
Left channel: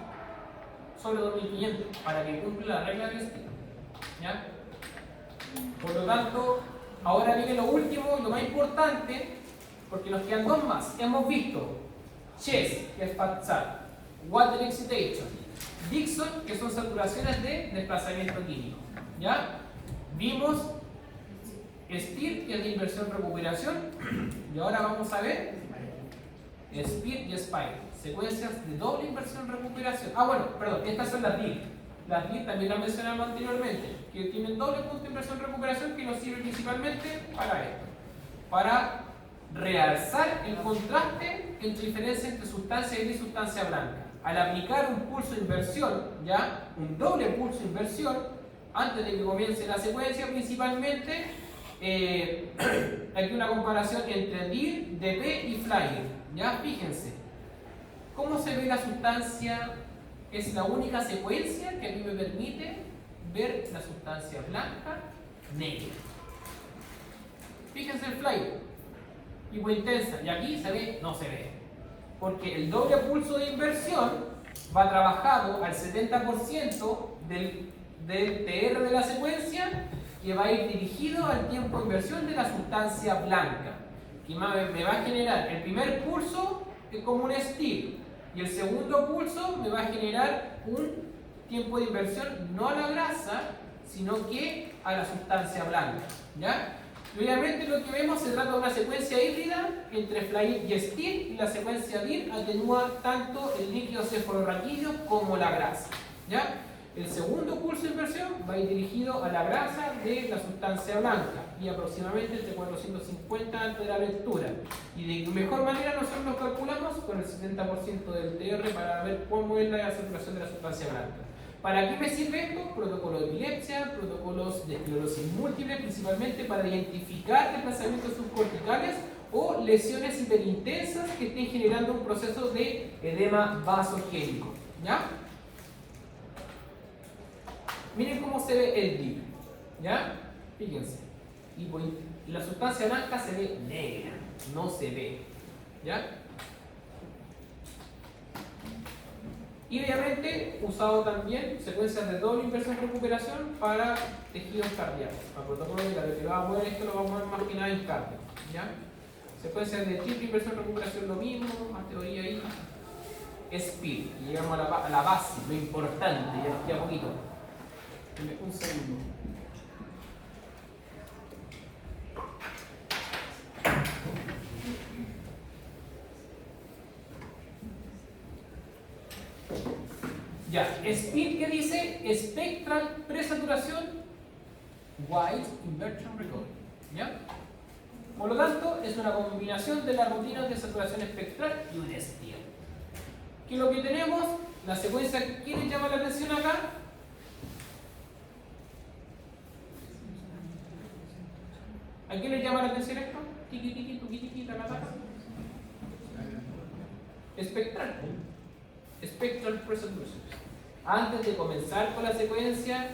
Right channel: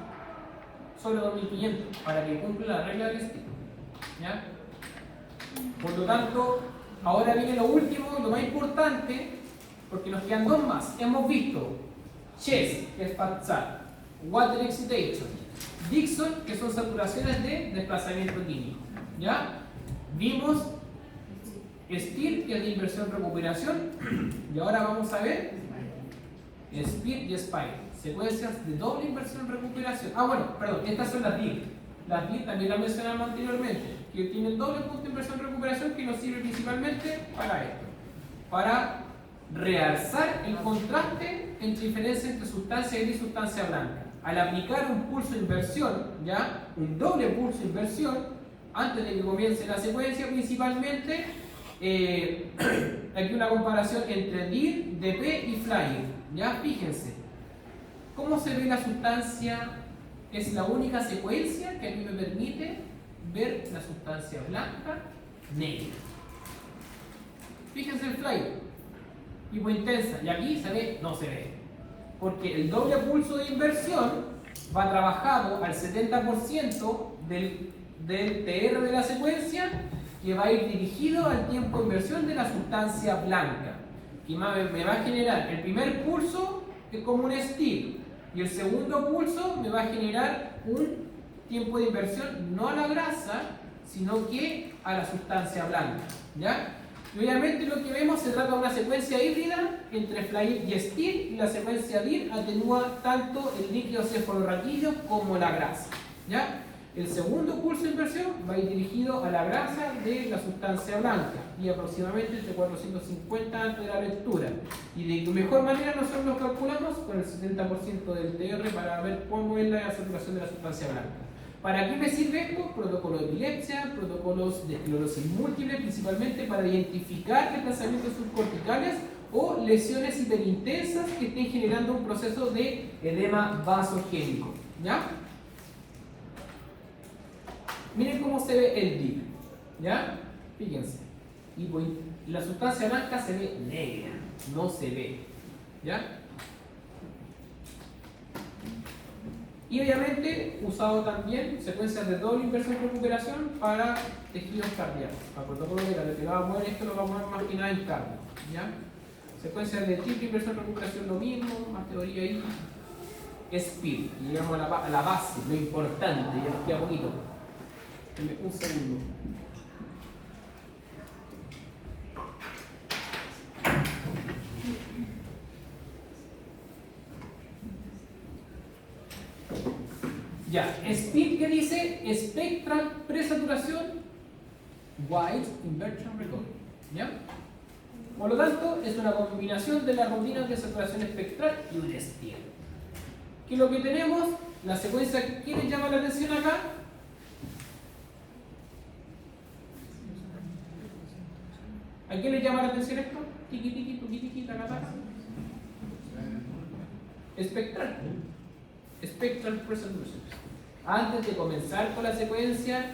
sobre 2500, para que cumpla la regla del STIR. ¿Ya? Por lo tanto, ahora viene lo último, lo más importante, porque nos quedan dos más. Hemos visto Chess, que es fat sat, water excitation, Dixon, que son saturaciones de desplazamiento químico. ¿Ya? Vimos STIR, que es de inversión-recuperación, y ahora vamos a ver SPIR y SPIRE, secuencias de doble inversión-recuperación. Bueno, perdón, estas son las DIR. Las DIR también las mencionamos anteriormente, que tienen doble punto de inversión-recuperación que nos sirve principalmente para esto, para realzar el contraste entre diferencia entre sustancia gris y sustancia blanca. Al aplicar un pulso de inversión, ya un doble pulso de inversión, antes de que comience la secuencia, principalmente aquí una comparación entre DIR, DP y FLIRE. Ya fíjense cómo se ve la sustancia. Es la única secuencia que a mí me permite ver la sustancia blanca negra. Fíjense el FLIRE, hipointensa, y aquí se ve, no se ve, porque el doble pulso de inversión va trabajado al 70% del TR de la secuencia, que va a ir dirigido al tiempo de inversión de la sustancia blanca, y me va a generar el primer pulso, que es como un STIR, y el segundo pulso me va a generar un tiempo de inversión no a la grasa, sino que a la sustancia blanca. ¿Ya? Y obviamente lo que vemos se trata de una secuencia híbrida entre FLIRE y STIR, y la secuencia DIR atenúa tanto el líquido cefalorraquídeo como la grasa. ¿Ya? El segundo pulso de inversión va a ir dirigido a la grasa de la sustancia blanca y aproximadamente entre 450 antes de la lectura. Y de mejor manera nosotros nos calculamos con el 70% del TR para ver cómo es la saturación de la sustancia blanca. ¿Para qué me sirve esto? Protocolos de epilepsia, protocolos de esclerosis múltiple, principalmente para identificar desplazamientos subcorticales o lesiones hiperintensas que estén generando un proceso de edema vasogénico. ¿Ya? Miren cómo se ve el DIR, ¿ya? Fíjense. Y la sustancia blanca se ve negra, no se ve, ¿ya? Y obviamente usado también secuencias de doble inversión y recuperación para tejidos cardíacos. Para protocolo de lo que vamos a ver esto lo vamos a ver más que nada en cardio, ¿ya? Secuencias de triple inversión y recuperación lo mismo, más teoría ahí. SPIR, llegamos a la base, lo importante, ya nos queda poquito. Un segundo. Ya, SPIR que dice Spectral Presaturación Wide Inversion Recoil. ¿Ya? Por lo tanto, es una combinación de la rutina de saturación espectral y un SPIR. ¿Qué es lo que tenemos? La secuencia que quieren llamar la atención acá. ¿A quién le llama la atención esto? Tiki tiki, tuki tiki, la nata. Espectral. Spectral Presaturación. Antes de comenzar con la secuencia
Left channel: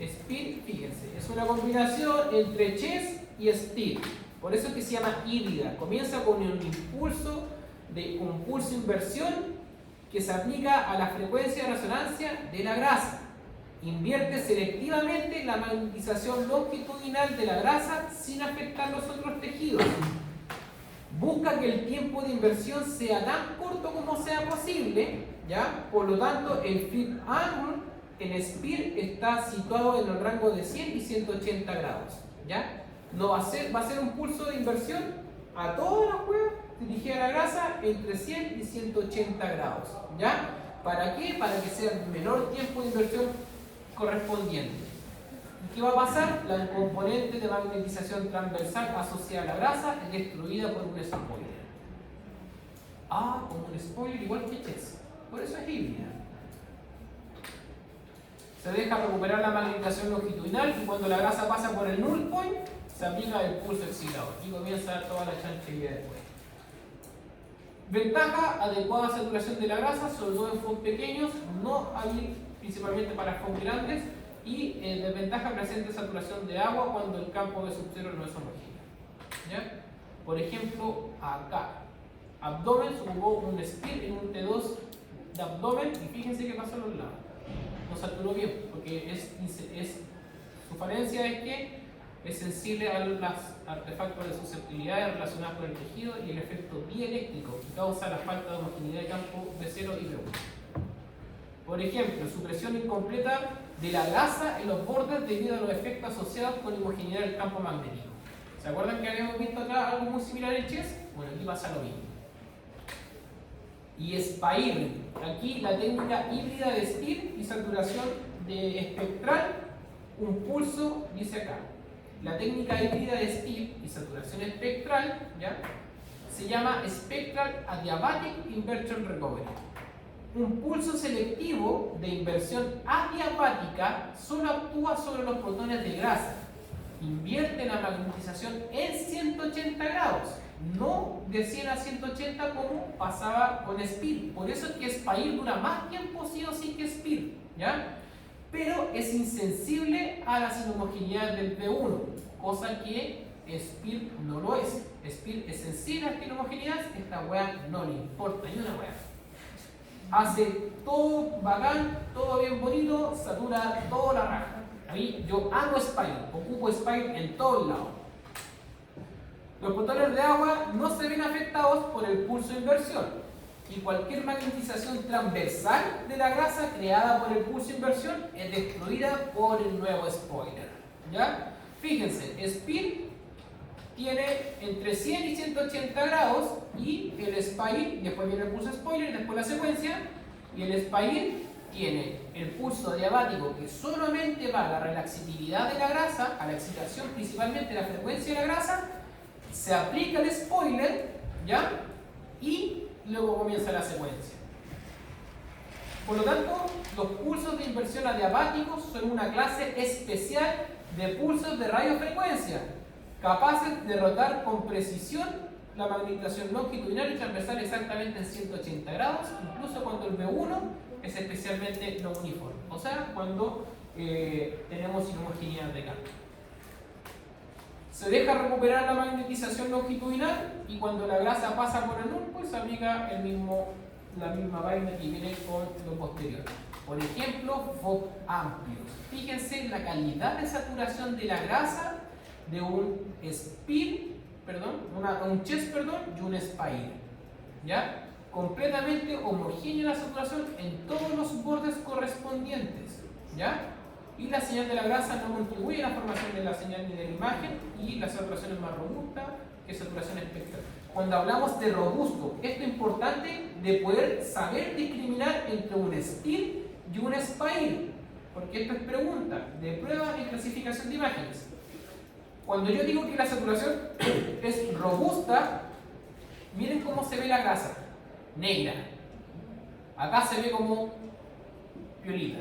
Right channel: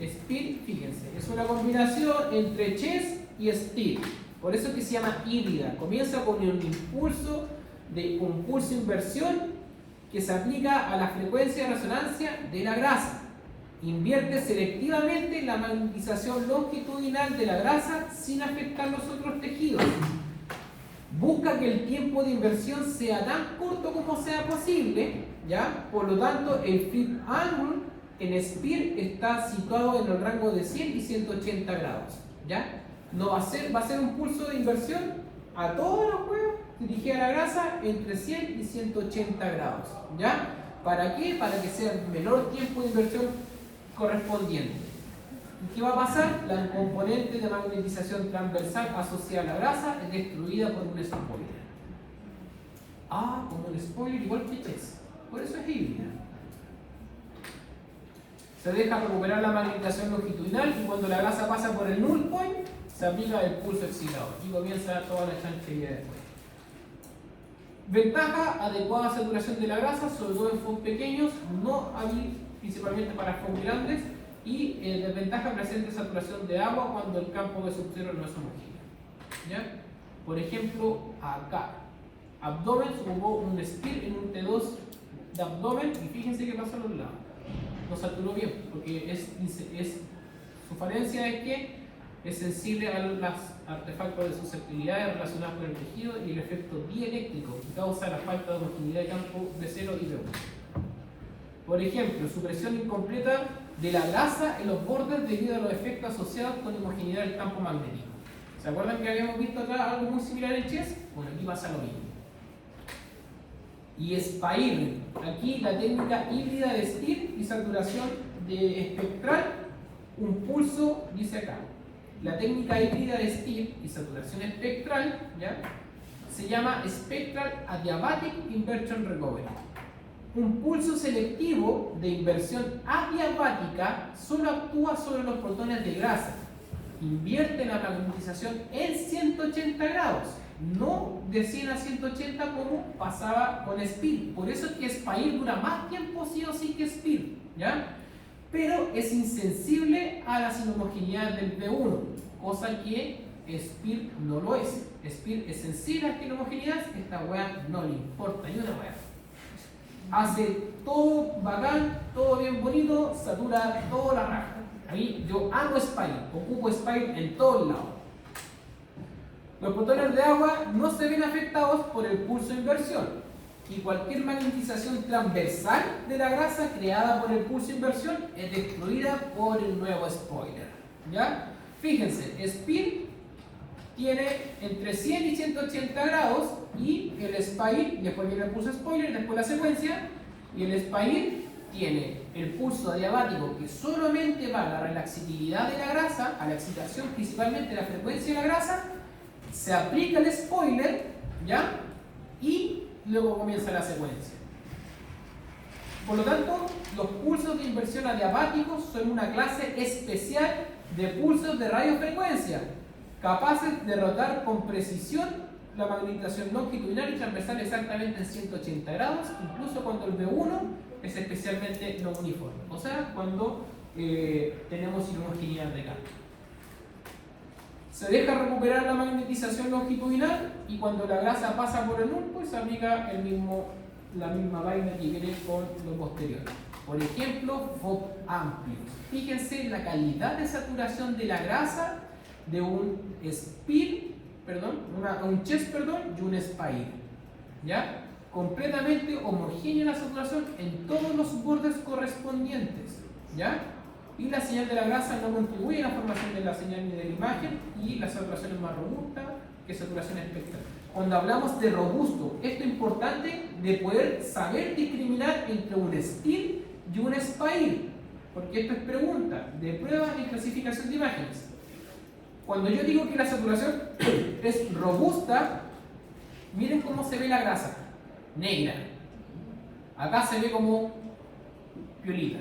SPIR, fíjense, es una combinación entre Chess y STIR. Por eso es que se llama híbrida. Comienza con un impulso de inversión que se aplica a la frecuencia de resonancia de la grasa. Invierte selectivamente la magnetización longitudinal de la grasa sin afectar los otros tejidos. busca que el tiempo de inversión sea tan corto como sea posible, ¿ya? Por lo tanto, el flip angle en SPIR está situado en el rango de 100 y 180 grados, ¿ya? No va a ser un pulso de inversión a todos los huevos dirigida a la grasa entre 100 y 180 grados, ¿ya? ¿Para qué? Para que sea el menor tiempo de inversión correspondiente. ¿Y qué va a pasar? La componente de magnetización transversal asociada a la grasa es destruida por un spoiler. Ah, como un spoiler igual que Chess. Por eso es híbrida. Se deja recuperar la magnetización longitudinal y cuando la grasa pasa por el null point, se aplica el pulso excilador y comienza toda la chanchería después. Ventaja: adecuada saturación de la grasa, sobre todo en foams pequeños, no hay principalmente para foams grandes. Y desventaja: presente saturación de agua cuando el campo de subsuelo no es homogéneo. ¿Ya? Por ejemplo, acá, abdomen, se ocupó un SPIR en un T2 de abdomen y fíjense qué pasó a los lados. No saturó bien, porque su falencia es que es sensible a los artefactos de susceptibilidad relacionados con el tejido y el efecto dieléctrico que causa la falta de homogeneidad de campo de 0 y de 1. Por ejemplo, supresión incompleta de la grasa en los bordes debido a los efectos asociados con homogeneidad del campo magnético. ¿Se acuerdan que habíamos visto acá algo muy similar en Chess? Bueno, aquí pasa lo mismo. Y SPIR, aquí la técnica híbrida de SPIR y saturación de espectral, un pulso, dice acá. La técnica híbrida de SPIR y saturación espectral, ¿ya? Se llama Spectral Adiabatic Inversion Recovery. Un pulso selectivo de inversión adiabática solo actúa sobre los protones de grasa. Invierte la magnetización en 180 grados, no de 100 a 180 como pasaba con SPIR. Por eso es que SPIR dura más tiempo sí o sí que SPIR, ¿ya? Pero es insensible a las inhomogeneidades del P1, cosa que SPIR no lo es. SPIR es sensible a las inhomogeneidades, esta weá no le importa ni una weá. Hace todo bacán, todo bien bonito, satura toda la raja. Ahí yo amo SPIR, ocupo SPIR en todos lados. Los protones de agua no se ven afectados por el pulso de inversión y cualquier magnetización transversal de la grasa creada por el pulso de inversión es destruida por el nuevo spoiler. ¿Ya? Fíjense, SPIR tiene entre 100 y 180 grados y el SPIR, después viene el pulso spoiler, después la secuencia, y el SPIR tiene el pulso adiabático que solamente va a la relaxatividad de la grasa, a la excitación principalmente de la frecuencia de la grasa, se aplica el spoiler, ¿ya? Y luego comienza la secuencia. Por lo tanto, los pulsos de inversión adiabáticos son una clase especial de pulsos de radiofrecuencia, capaces de rotar con precisión la magnetización longitudinal y transversal exactamente en 180 grados, incluso cuando el B1 es especialmente no uniforme, o sea, cuando tenemos inhomogeneidad de campo. Se deja recuperar la magnetización longitudinal y cuando la grasa pasa por el null, pues se aplica la misma vaina que viene con lo posterior. Por ejemplo, FOB amplios. Fíjense la calidad de saturación de la grasa de un SPIR, un Chess, y un SPIR. ¿Ya? Completamente homogénea la saturación en todos los bordes correspondientes. ¿Ya? Y la señal de la grasa no contribuye a la formación de la señal ni de la imagen, y la saturación es más robusta que saturación espectral. Cuando hablamos de robusto, esto es importante de poder saber discriminar entre un SPIR y un SPIR, porque esto es pregunta de prueba de clasificación de imágenes. Cuando yo digo que la saturación es robusta, miren cómo se ve la grasa, negra. Acá se ve como violita.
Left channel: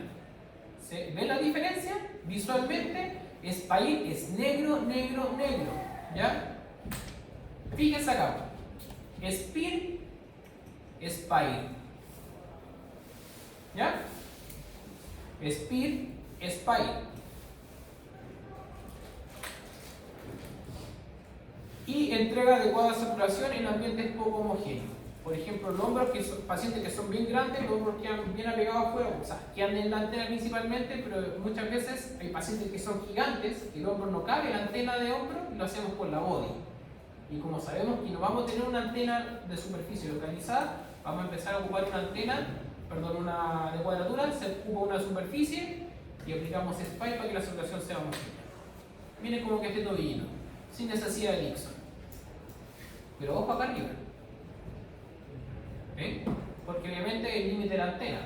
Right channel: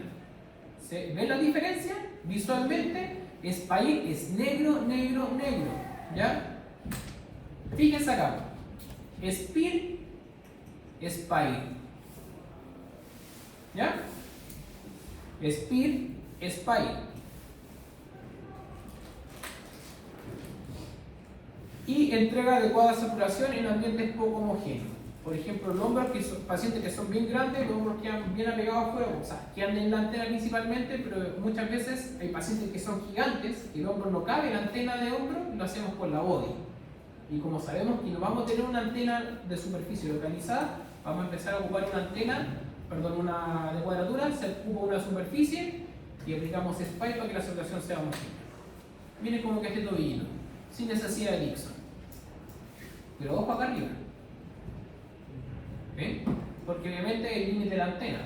¿Ven la diferencia? Visualmente, SPIR es negro, negro, negro. ¿Ya? Fíjense acá. SPIR, SPIR. ¿Ya? SPIR, SPIR. Y entrega adecuada saturación en ambientes poco homogéneos. Por ejemplo, los hombros, que son pacientes que son bien grandes, los hombros quedan bien apegados a fuego, o sea, quedan en la antena principalmente, pero muchas veces hay pacientes que son gigantes, y el hombro no cabe en la antena de hombro, y lo hacemos con la body. Y como sabemos que no vamos a tener una antena de superficie localizada, vamos a empezar a ocupar una antena, perdón, una de cuadratura, se ocupa una superficie y aplicamos SPY para que la saturación sea más chica. Miren cómo que este tobillino, sin necesidad de Dixon. Pero ojo acá arriba. ¿Ven? Porque obviamente es el límite de la antena.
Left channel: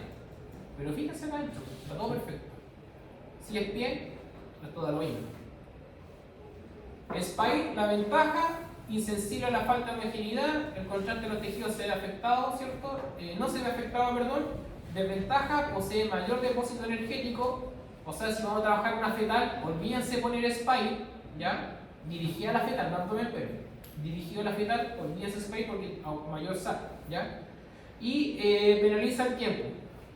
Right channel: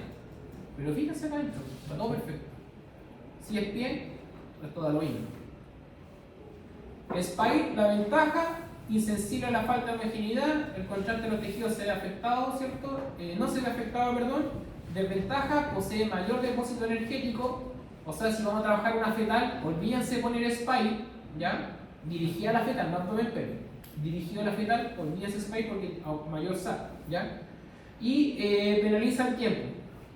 Pero fíjense acá adentro, está todo perfecto. Si es pie, es todo lo mismo. SPY, la ventaja, insensible a la falta de homogeneidad, el contraste de los tejidos se ve afectado, ¿cierto? No se ve afectado, perdón. Desventaja, posee mayor depósito energético. O sea, si vamos a trabajar una fetal, olvídense poner SPY, ¿ya? Dirigida a la fetal, no abdomen pelve. Dirigida a la fetal, olvídense SPY porque mayor SAC, ¿ya? Y penaliza el tiempo.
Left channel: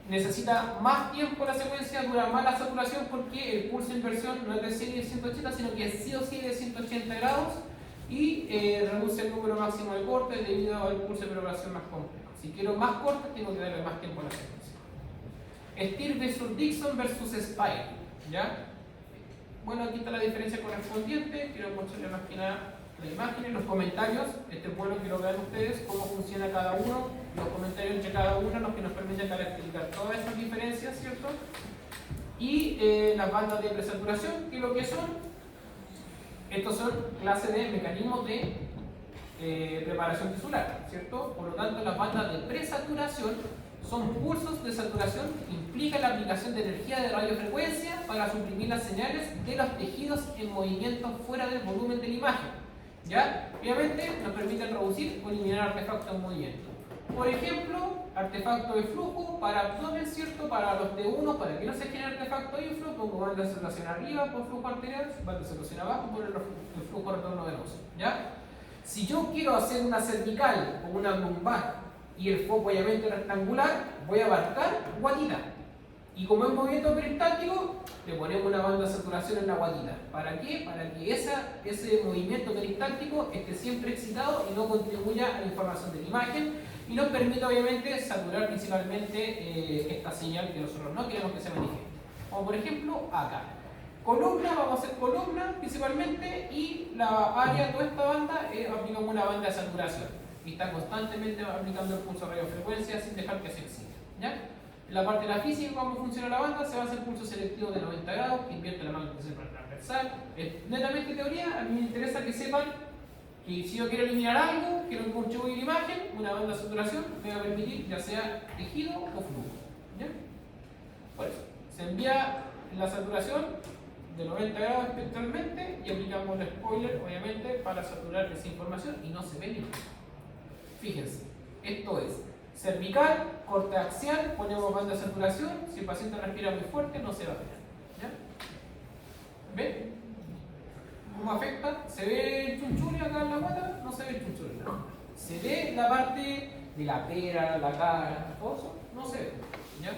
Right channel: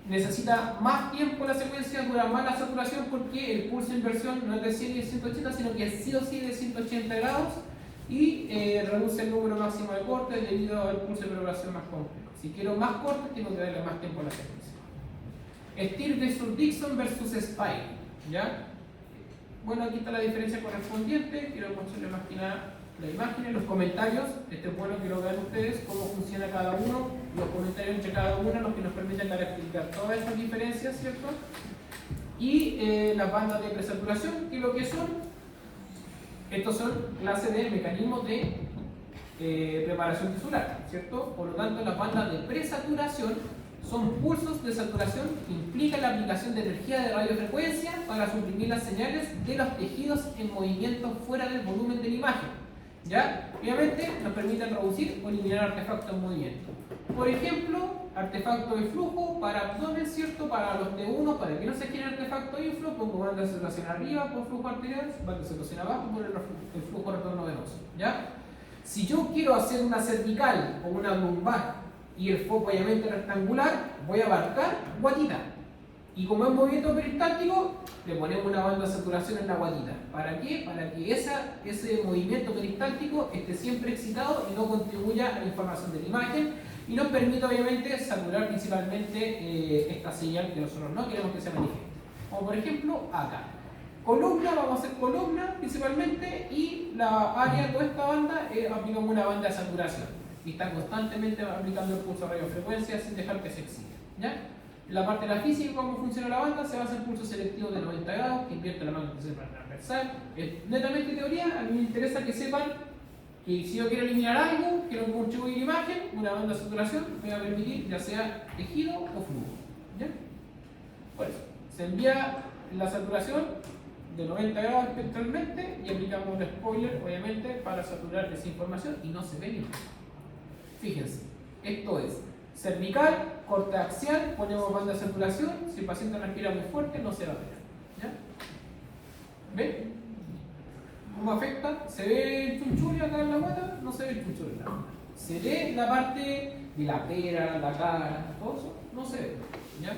Necesita más tiempo la secuencia, dura más la saturación porque el pulso de inversión no es de 100 y de 180, sino que es sí o sí de 180 grados y reduce el número máximo de cortes debido al pulso de propagación más complejo. Si quiero más cortes, tengo que darle más tiempo a la secuencia. Steel versus Dixon versus SPY, ¿ya? Bueno, aquí está la diferencia correspondiente. Quiero mostrarles más que nada la imagen en los comentarios. Es bueno que lo vean ustedes cómo funciona cada uno, los comentarios entre cada uno, los que nos permiten explicar todas estas diferencias, ¿cierto? Y las bandas de presaturación, que es lo que son. Estos son clases de mecanismos de preparación tisular, ¿cierto? Por lo tanto, las bandas de presaturación son pulsos de saturación que implican la aplicación de energía de radiofrecuencia para suprimir las señales de los tejidos en movimiento fuera del volumen de la imagen. ¿Ya? Obviamente nos permiten reducir o eliminar artefactos en movimiento. Por ejemplo, artefacto de flujo para abdomen, ¿cierto? Para los T1, para que no se genere artefacto de flujo, pongo banda de saturación arriba por flujo arterial, banda de saturación abajo por el flujo retorno venoso. ¿Ya? Si yo quiero hacer una cervical o una lumbar y el foco obviamente rectangular, voy a abarcar guatita. Y como es un movimiento peristático, le ponemos una banda de saturación en la guatita. ¿Para qué? Para que ese movimiento peristático esté siempre excitado y no contribuya a la información de la imagen y nos permite obviamente saturar principalmente esta señal que nosotros no queremos que se manifieste. Como por ejemplo acá. Columna, vamos a hacer columna principalmente y la área de toda esta banda aplicamos una banda de saturación. Y está constantemente aplicando el pulso de radiofrecuencia sin dejar que se excite. ¿Ya? En la parte de la física, cómo funciona la banda, se basa en pulso selectivo de 90 grados, que invierte la magnetización transversal. Es netamente teoría, a mí me interesa que sepan que si yo quiero eliminar algo, quiero contribuir la imagen, una banda de saturación me va a permitir ya sea tejido o flujo. ¿Ya? Por eso, se envía la saturación de 90 grados espectralmente y aplicamos un spoiler, obviamente, para saturar esa información y no se ve bien. Fíjense, esto es cervical, corte axial, ponemos banda de saturación, si el paciente respira muy fuerte no se va a ver. ¿Ya? ¿Ven? ¿Cómo afecta? ¿Se ve el chunchullo acá en la guata? No se ve el chunchullo. ¿Se ve la parte de la pera, la cara, todo eso? No se ve. ¿Ya?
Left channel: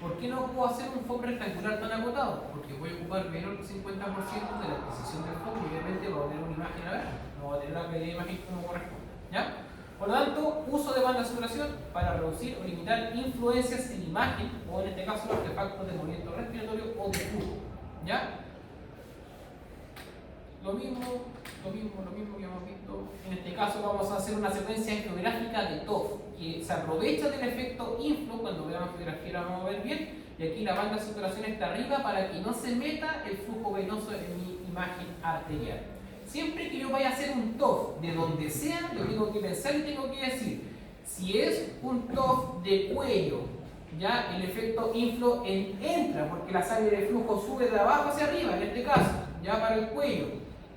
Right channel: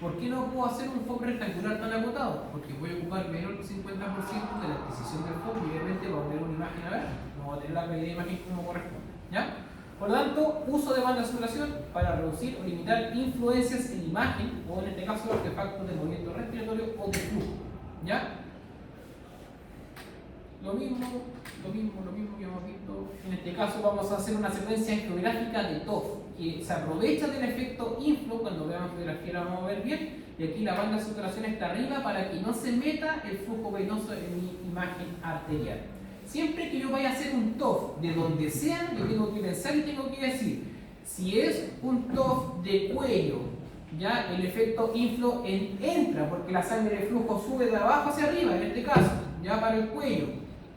¿Por qué no puedo hacer un foco rectangular tan agotado? Porque voy a ocupar menos del 50% de la exposición del foco y obviamente va a tener una imagen a ver, no va a tener la calidad de imagen como corresponde. ¿Ya? Por lo tanto, uso de banda de saturación para reducir o limitar influencias en imagen o en este caso los artefactos de movimiento respiratorio o de flujo. ¿Ya? Lo mismo que hemos visto. En este caso vamos a hacer una secuencia geográfica de TOF que se aprovecha del efecto inflow cuando veamos que la esfera vamos a ver bien. Y aquí la banda de saturación está arriba para que no se meta el flujo venoso en mi imagen arterial. Siempre que yo vaya a hacer un TOF de donde sea, yo tengo que pensar y tengo que decir, si es un TOF de cuello, ya el efecto inflow entra, porque la sangre de flujo sube de abajo hacia arriba, en este caso, ya para el cuello.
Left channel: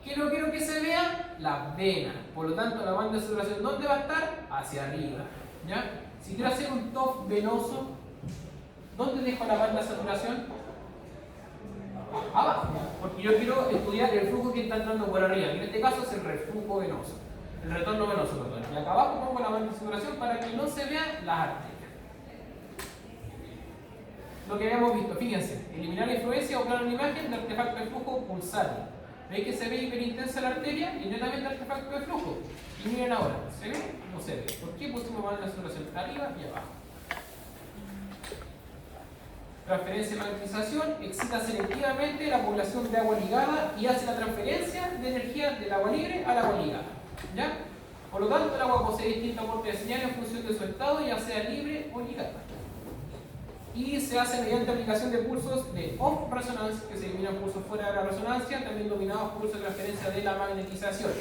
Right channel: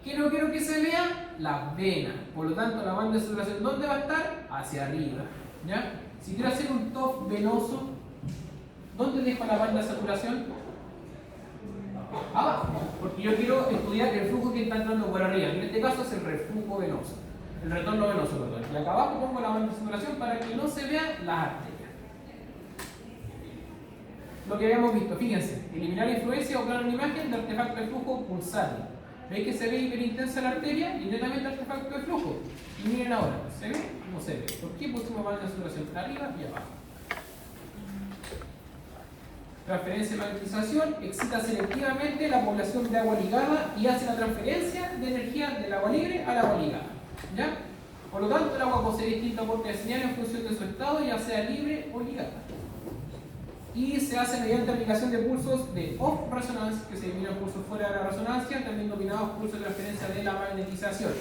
¿Qué no quiero que se vea? Las venas. Por lo tanto, la banda de saturación, ¿dónde va a estar? Hacia arriba. ¿Ya? Si quiero hacer un TOF venoso, ¿dónde dejo la banda de saturación? Abajo, porque yo quiero estudiar el flujo que está entrando por arriba. En este caso es el reflujo venoso, el retorno venoso. Y acá abajo pongo la banda de saturación para que no se vean las arterias. Lo que habíamos visto, fíjense, eliminar la influencia o plano de imagen del artefacto de flujo pulsátil. ¿Veis que se ve hiperintensa la arteria y netamente artefacto de flujo? Y miren ahora, ¿se ve? No se ve. ¿Por qué pusimos banda de saturación arriba y abajo? Transferencia de magnetización excita selectivamente la población de agua ligada y hace la transferencia de energía del agua libre al agua ligada. ¿Ya? Por lo tanto, el agua posee distintos aportes de señal en función de su estado, ya sea libre o ligada. Y se hace mediante aplicación de pulsos de off resonancia, que se denominan pulsos fuera de la resonancia, también denominados pulsos de transferencia de la magnetización,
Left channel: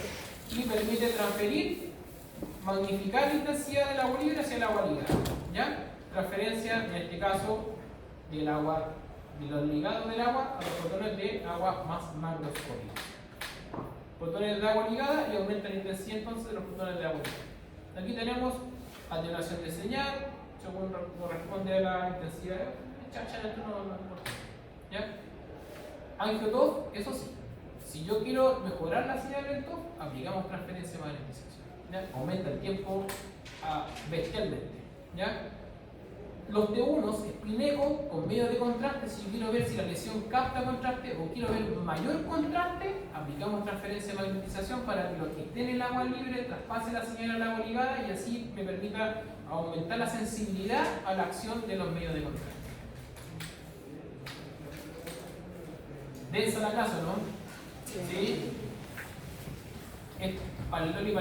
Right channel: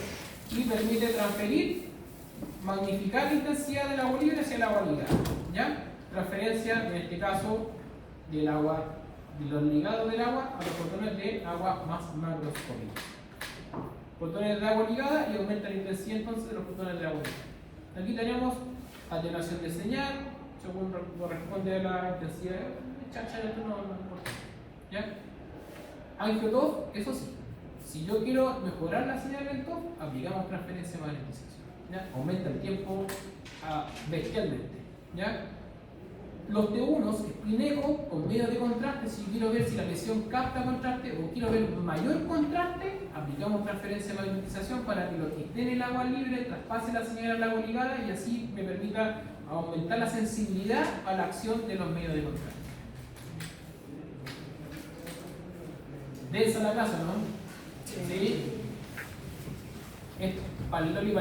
y permite transferir, magnificar la intensidad del agua libre hacia el agua ligada. ¿Ya? Transferencia, en este caso, del agua, de los ligados del agua a los fotones de agua más macroscópicos. Fotones de agua ligada y aumenta la intensidad entonces de los fotones de agua ligada. Aquí tenemos atenuación de señal, según corresponde a la intensidad. Esto no importa. ¿Ya? Angio-TOF, eso sí. Si yo quiero mejorar la señal del TOF, aplicamos transferencia de magnetización. ¿Ya? Aumenta el tiempo bestialmente. ¿Ya? Los T1 es Pineco con medio de contraste. Si quiero ver si la lesión capta contraste o quiero ver mayor contraste, aplicamos transferencia de magnetización para que lo que esté en el agua libre traspase la señal al agua ligada y así me permita aumentar la sensibilidad a la acción de los medios de contraste. Densa la casa, ¿no? Sí. Esto, paliloli.